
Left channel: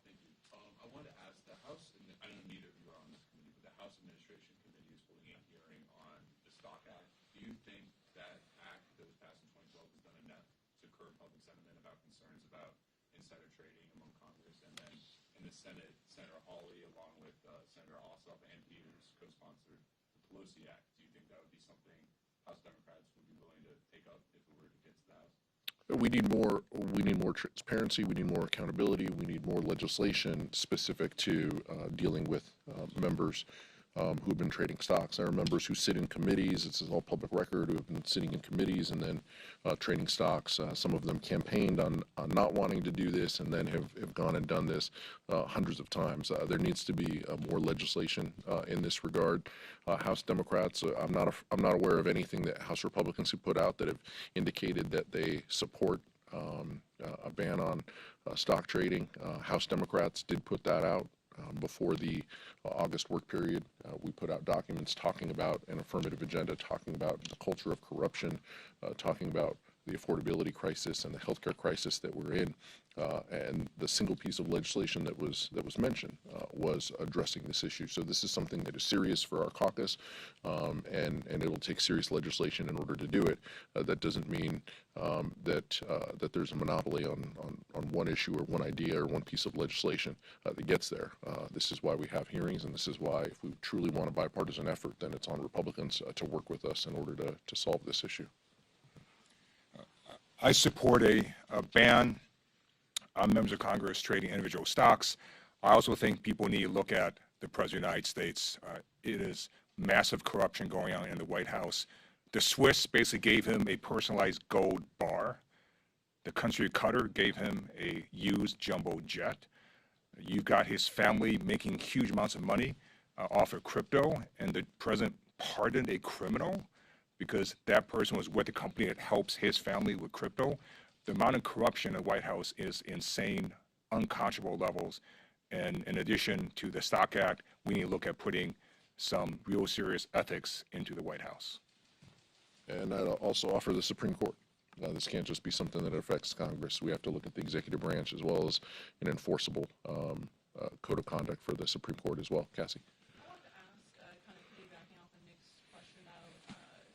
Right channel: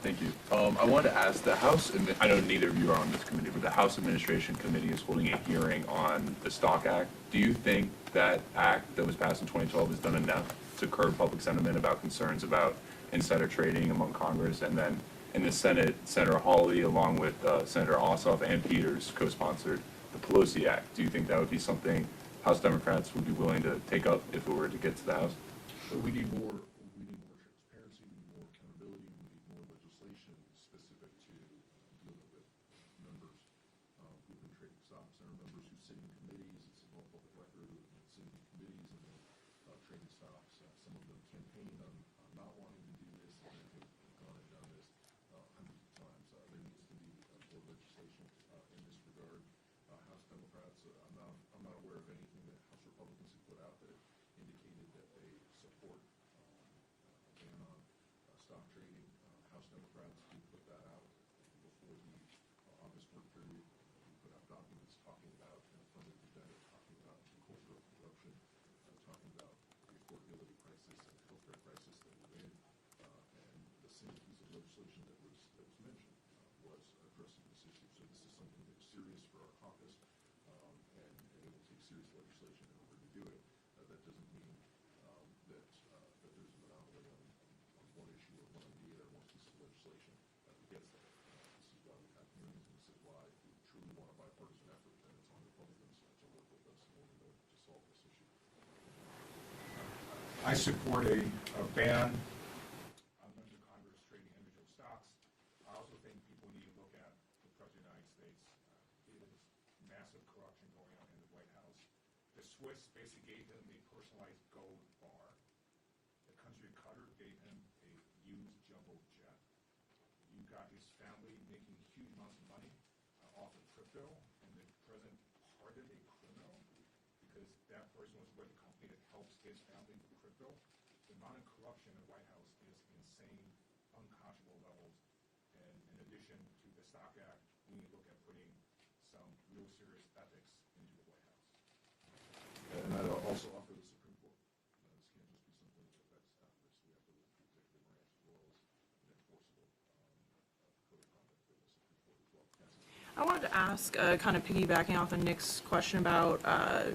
Thank you. I wanted to ask the House, and I know neither of you are on this committee, but the House Administration Committee is holding a hearing on the Stock Act. Do you think that act that was passed in 2012 has done enough to curb public sentiment about concerns about insider trading among Congress? And then in the Senate, Senator Hawley, along with Senator Ossoff and Peters, co-sponsored the Pelosi Act. Do you think that would be something House Democrats would be willing to take up if it were to get to the House? We need more transparency, we need more accountability, we need more legislation specific to dealing with members who've been trading stocks. There are members who sit in committees, this is all public record, who have been sitting in committees and then trading stocks. Some of them campaigned on not wanting to do this and then have gone and done this hundreds of times. There needs to be more legislation in this regard. House Democrats, I'm not aware of anything that House Republicans have put out that have indicated that they support a ban on stock trading. House Democrats did put that out before the August work period. We put out documents talking about an affirmative agenda, talking about the culture of corruption, talking about the affordability crisis and the healthcare crisis that we're in. And the single piece of legislation that was mentioned was addressing this issue. So this is something that is serious for our caucus, and it'll take serious legislation in order to do it. That doesn't mean that there's a monopoly on one issue or one idea or one piece of legislation that gets there. This is why we have hearings, and this is why, if we truly want a bipartisan effort, then it's on Republicans to work with us in order to solve this issue. I support a ban on members of Congress trading individual stocks. I also think people need to look at the President of the United States. It is massive corruption going on in the White House. The Swiss basically gave him a personalized gold bar. The country of Qatar gave him a used jumbo jet. You got his family making huge amounts of money off of crypto, and the president pardoned a criminal because that person was with the company that helps his family with crypto. The amount of corruption in the White House is insane, unconscionable levels. And in addition to the Stock Act, we need to look at putting some real serious ethics into the White House. And I'd also offer the Supreme Court. This can't just be something that affects Congress. We have to look at the executive branch as well as an enforceable code of conduct for the Supreme Court as well. Cassie? I wanted to ask, kind of piggybacking off of Nick's question about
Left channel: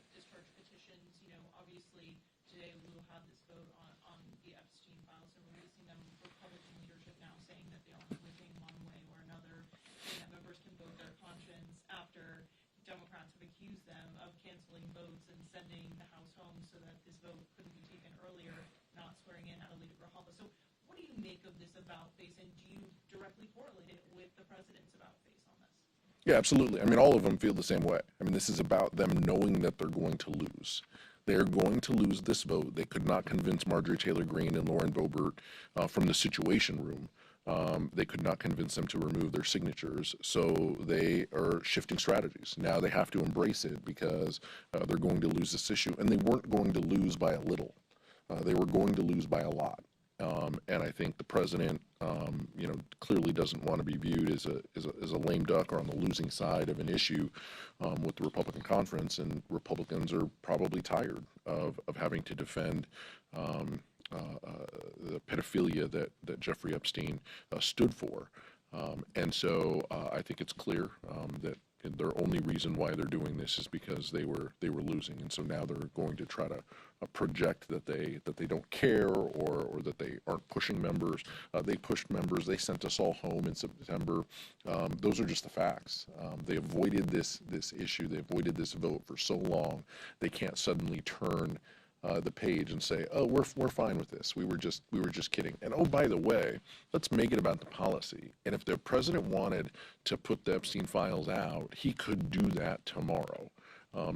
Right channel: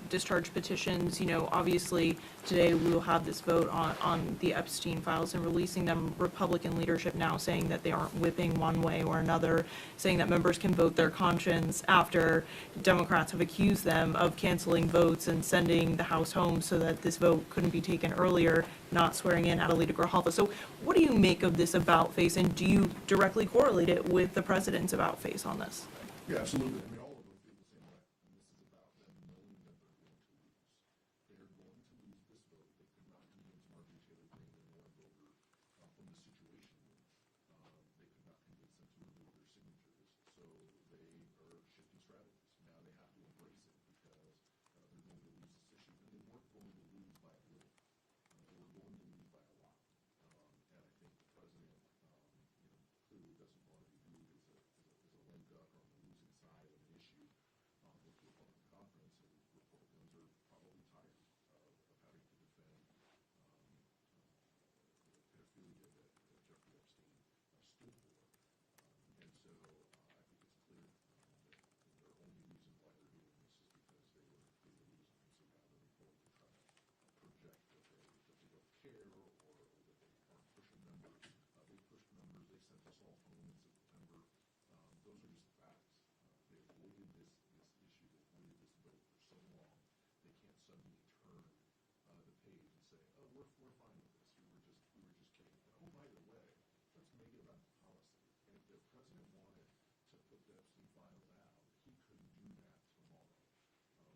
discharge petitions. You know, obviously today we will have this vote on the Epstein files and releasing them. Republican leadership now saying that they aren't whipping one way or another, saying that members can vote their conscience after Democrats have accused them of canceling votes and sending the House home so that this vote couldn't be taken earlier, not swearing in Adelita Grijalva. So what do you make of this about face, and do you directly correlate it with the president's about face on this? Yeah, absolutely. I mean, all of them feel the same way. I mean, this is about them knowing that they're going to lose. They're going to lose this vote. They could not convince Marjorie Taylor Greene and Lauren Boebert from the Situation Room. They could not convince them to remove their signatures. So they are shifting strategies. Now they have to embrace it because they're going to lose this issue. And they weren't going to lose by a little. They were going to lose by a lot. And I think the president, clearly doesn't want to be viewed as a lame duck or on the losing side of an issue with the Republican conference. And Republicans are probably tired of having to defend the pedophilia that Jeffrey Epstein stood for. And so I think it's clear that their only reason why they're doing this is because they were losing, and so now they're going to try to project that they don't care or that they aren't pushing members. They pushed members. They sent us all home in September. Those are just the facts. They avoided this issue. They avoided this vote for so long. They can't suddenly turn the page and say, "Oh, we're fine with this. We were just kidding." And oh, by the way, let's make it about the policy. And if the president wanted to put the Epstein files out, he could do that tomorrow.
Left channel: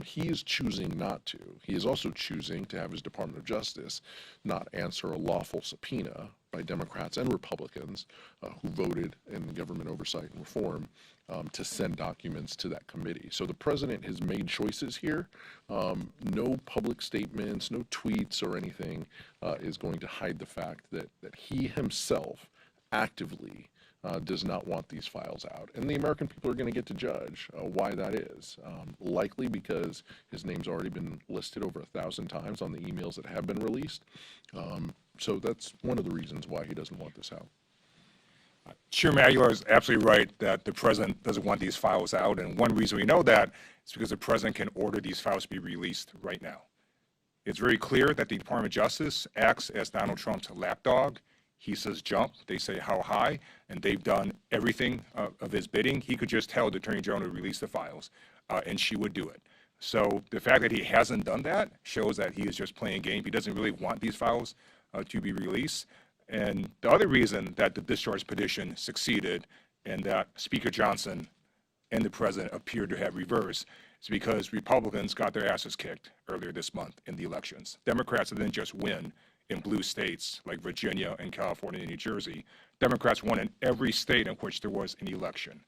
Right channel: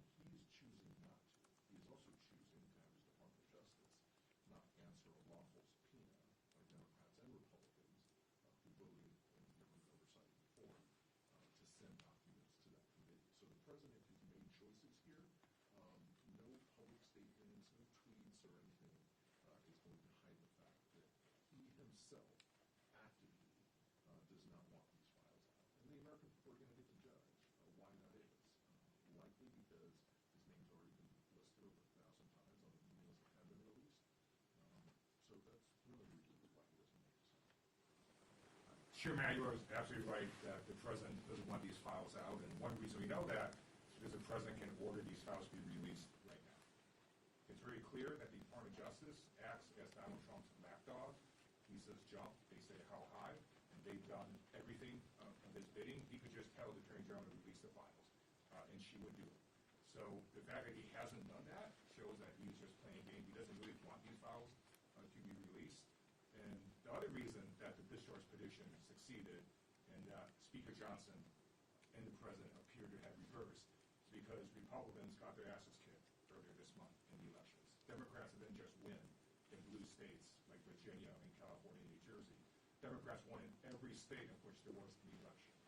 He is choosing not to. He is also choosing to have his Department of Justice not answer a lawful subpoena by Democrats and Republicans who voted in government oversight and reform to send documents to that committee. So the president has made choices here. No public statements, no tweets or anything is going to hide the fact that he himself actively does not want these files out. And the American people are going to get to judge why that is. Likely because his name's already been listed over 1,000 times on the emails that have been released. So that's one of the reasons why he doesn't want this out. Chairman Aguilar is absolutely right that the president doesn't want these files out, and one reason we know that is because the president can order these files to be released right now. It's very clear that the Department of Justice acts as Donald Trump's lapdog. He says jump, they say how high, and they've done everything of his bidding. He could just tell the Attorney General to release the files, and she would do it. So the fact that he hasn't done that shows that he is just playing a game. He doesn't really want these files to be released. And the other reason that the discharge petition succeeded and that Speaker Johnson and the president appeared to have reversed is because Republicans got their asses kicked earlier this month in the elections. Democrats didn't just win in blue states like Virginia and California and New Jersey. Democrats won in every state in which there was an election.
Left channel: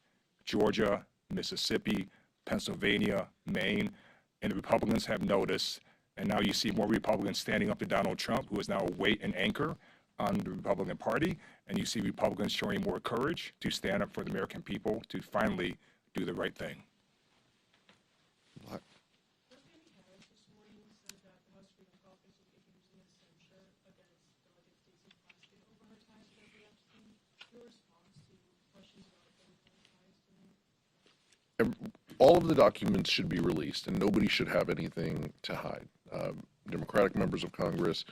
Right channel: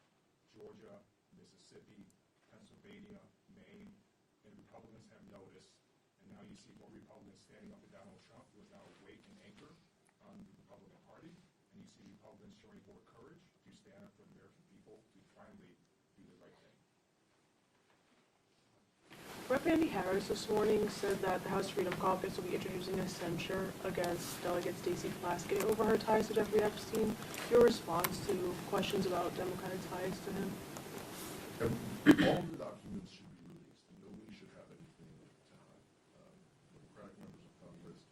Georgia, Mississippi, Pennsylvania, Maine, and the Republicans have noticed, and now you see more Republicans standing up to Donald Trump, who is now a weight and anchor on the Republican Party, and you see Republicans showing more courage to stand up for the American people to finally do the right thing. Rep. Andy Harris this morning said that the House Freedom Caucus will be introducing a censure against Delegate Stacey Plaskett over her ties to Jeffrey Epstein. Your response to questions about Democratic ties to him? All of the documents should be released, and nobody should have anything to hide. Democratic members of Congress,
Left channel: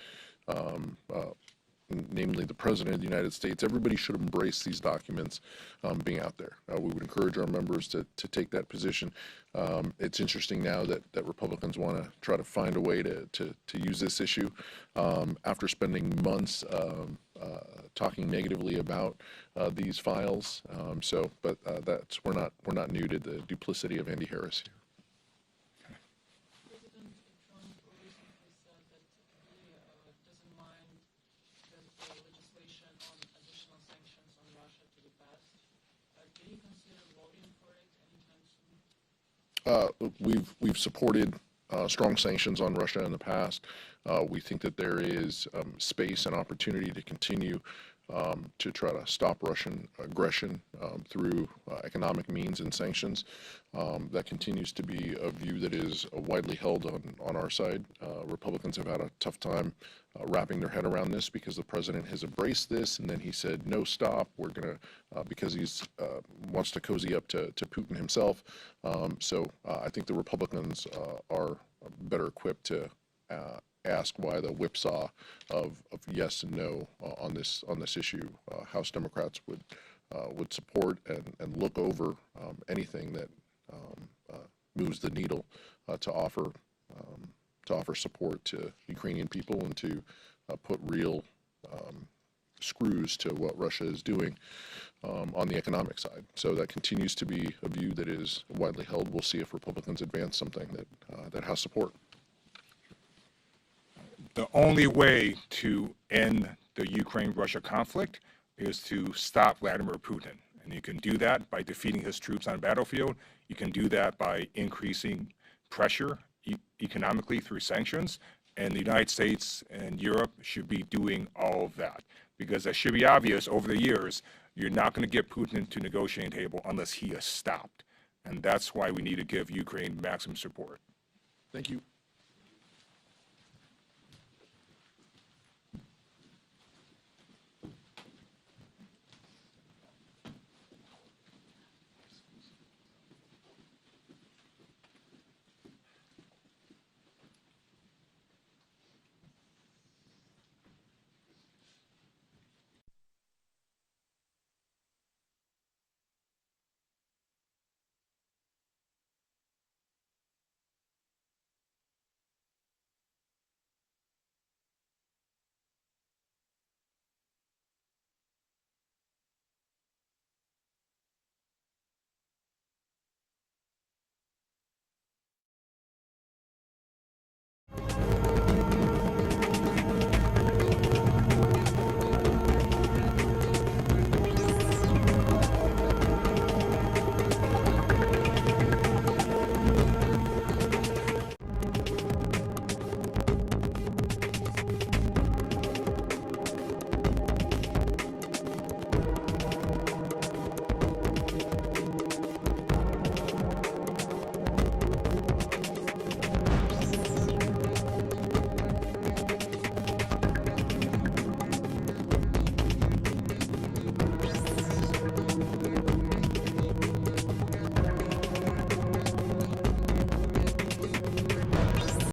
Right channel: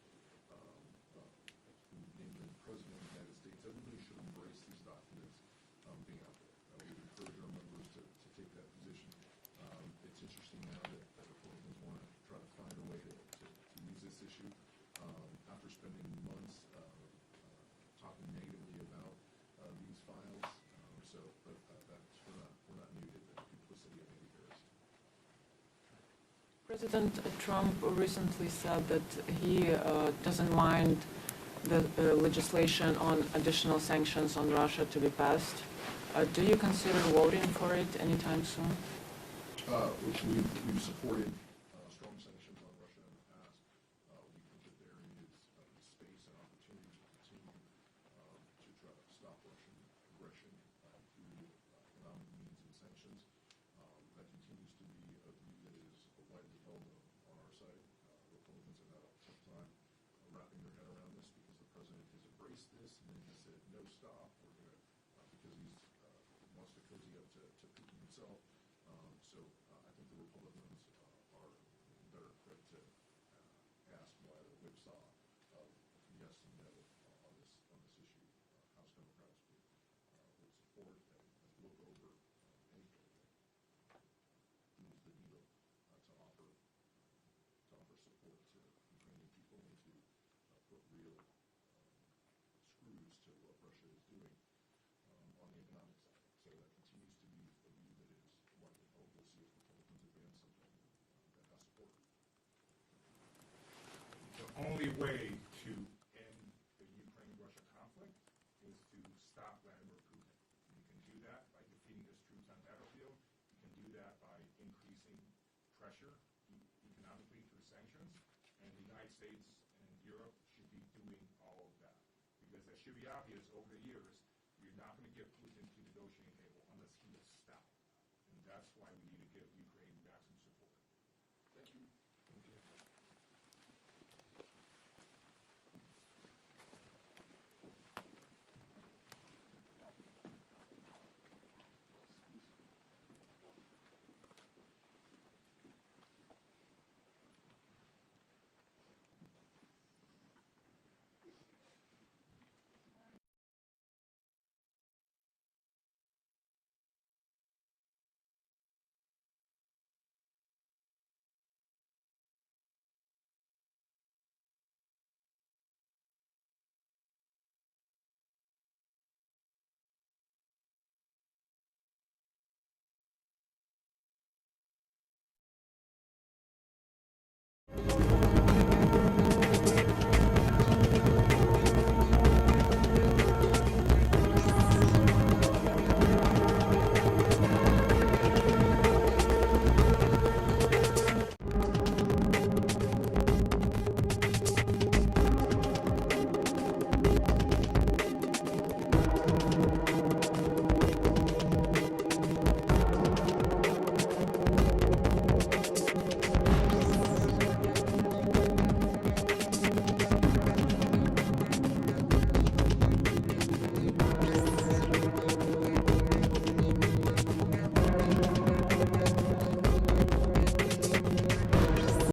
namely the President of the United States, everybody should embrace these documents being out there. We would encourage our members to take that position. It's interesting now that Republicans want to try to find a way to use this issue after spending months talking negatively about these files. But we're not new to the duplicity of Andy Harris here. President Trump recently said that he doesn't mind the legislation on additional sanctions on Russia to be passed. Do you consider voting for it anytime soon? We've supported strong sanctions on Russia in the past. We think that there is space and opportunity to continue to try to stop Russian aggression through economic means and sanctions. That continues to be a view that is widely held on our side. Republicans have had a tough time wrapping their head around this because the president has embraced this, and then he said, no, stop, we're going to, because he's wants to cozy up to Putin himself. So I think the Republicans are better equipped to ask why the whipsaw of yes and no on this issue. House Democrats would support and look over anything that moves the needle to offer support to Ukrainian people and to put real screws to what Russia is doing on the economic side. So that continues to be a view that is widely held. We'll see if Republicans advance something that has support. The only way to end the Ukraine-Russia conflict is to stop Vladimir Putin. And you can do that by defeating his troops on the battlefield. You can do that by increasing pressure economically through sanctions. And the United States and Europe should be doing all of that. Because it should be obvious over the years, you're not going to get Putin to negotiating table unless he is stopped. And that's why we need to give Ukraine maximum support. Thank you.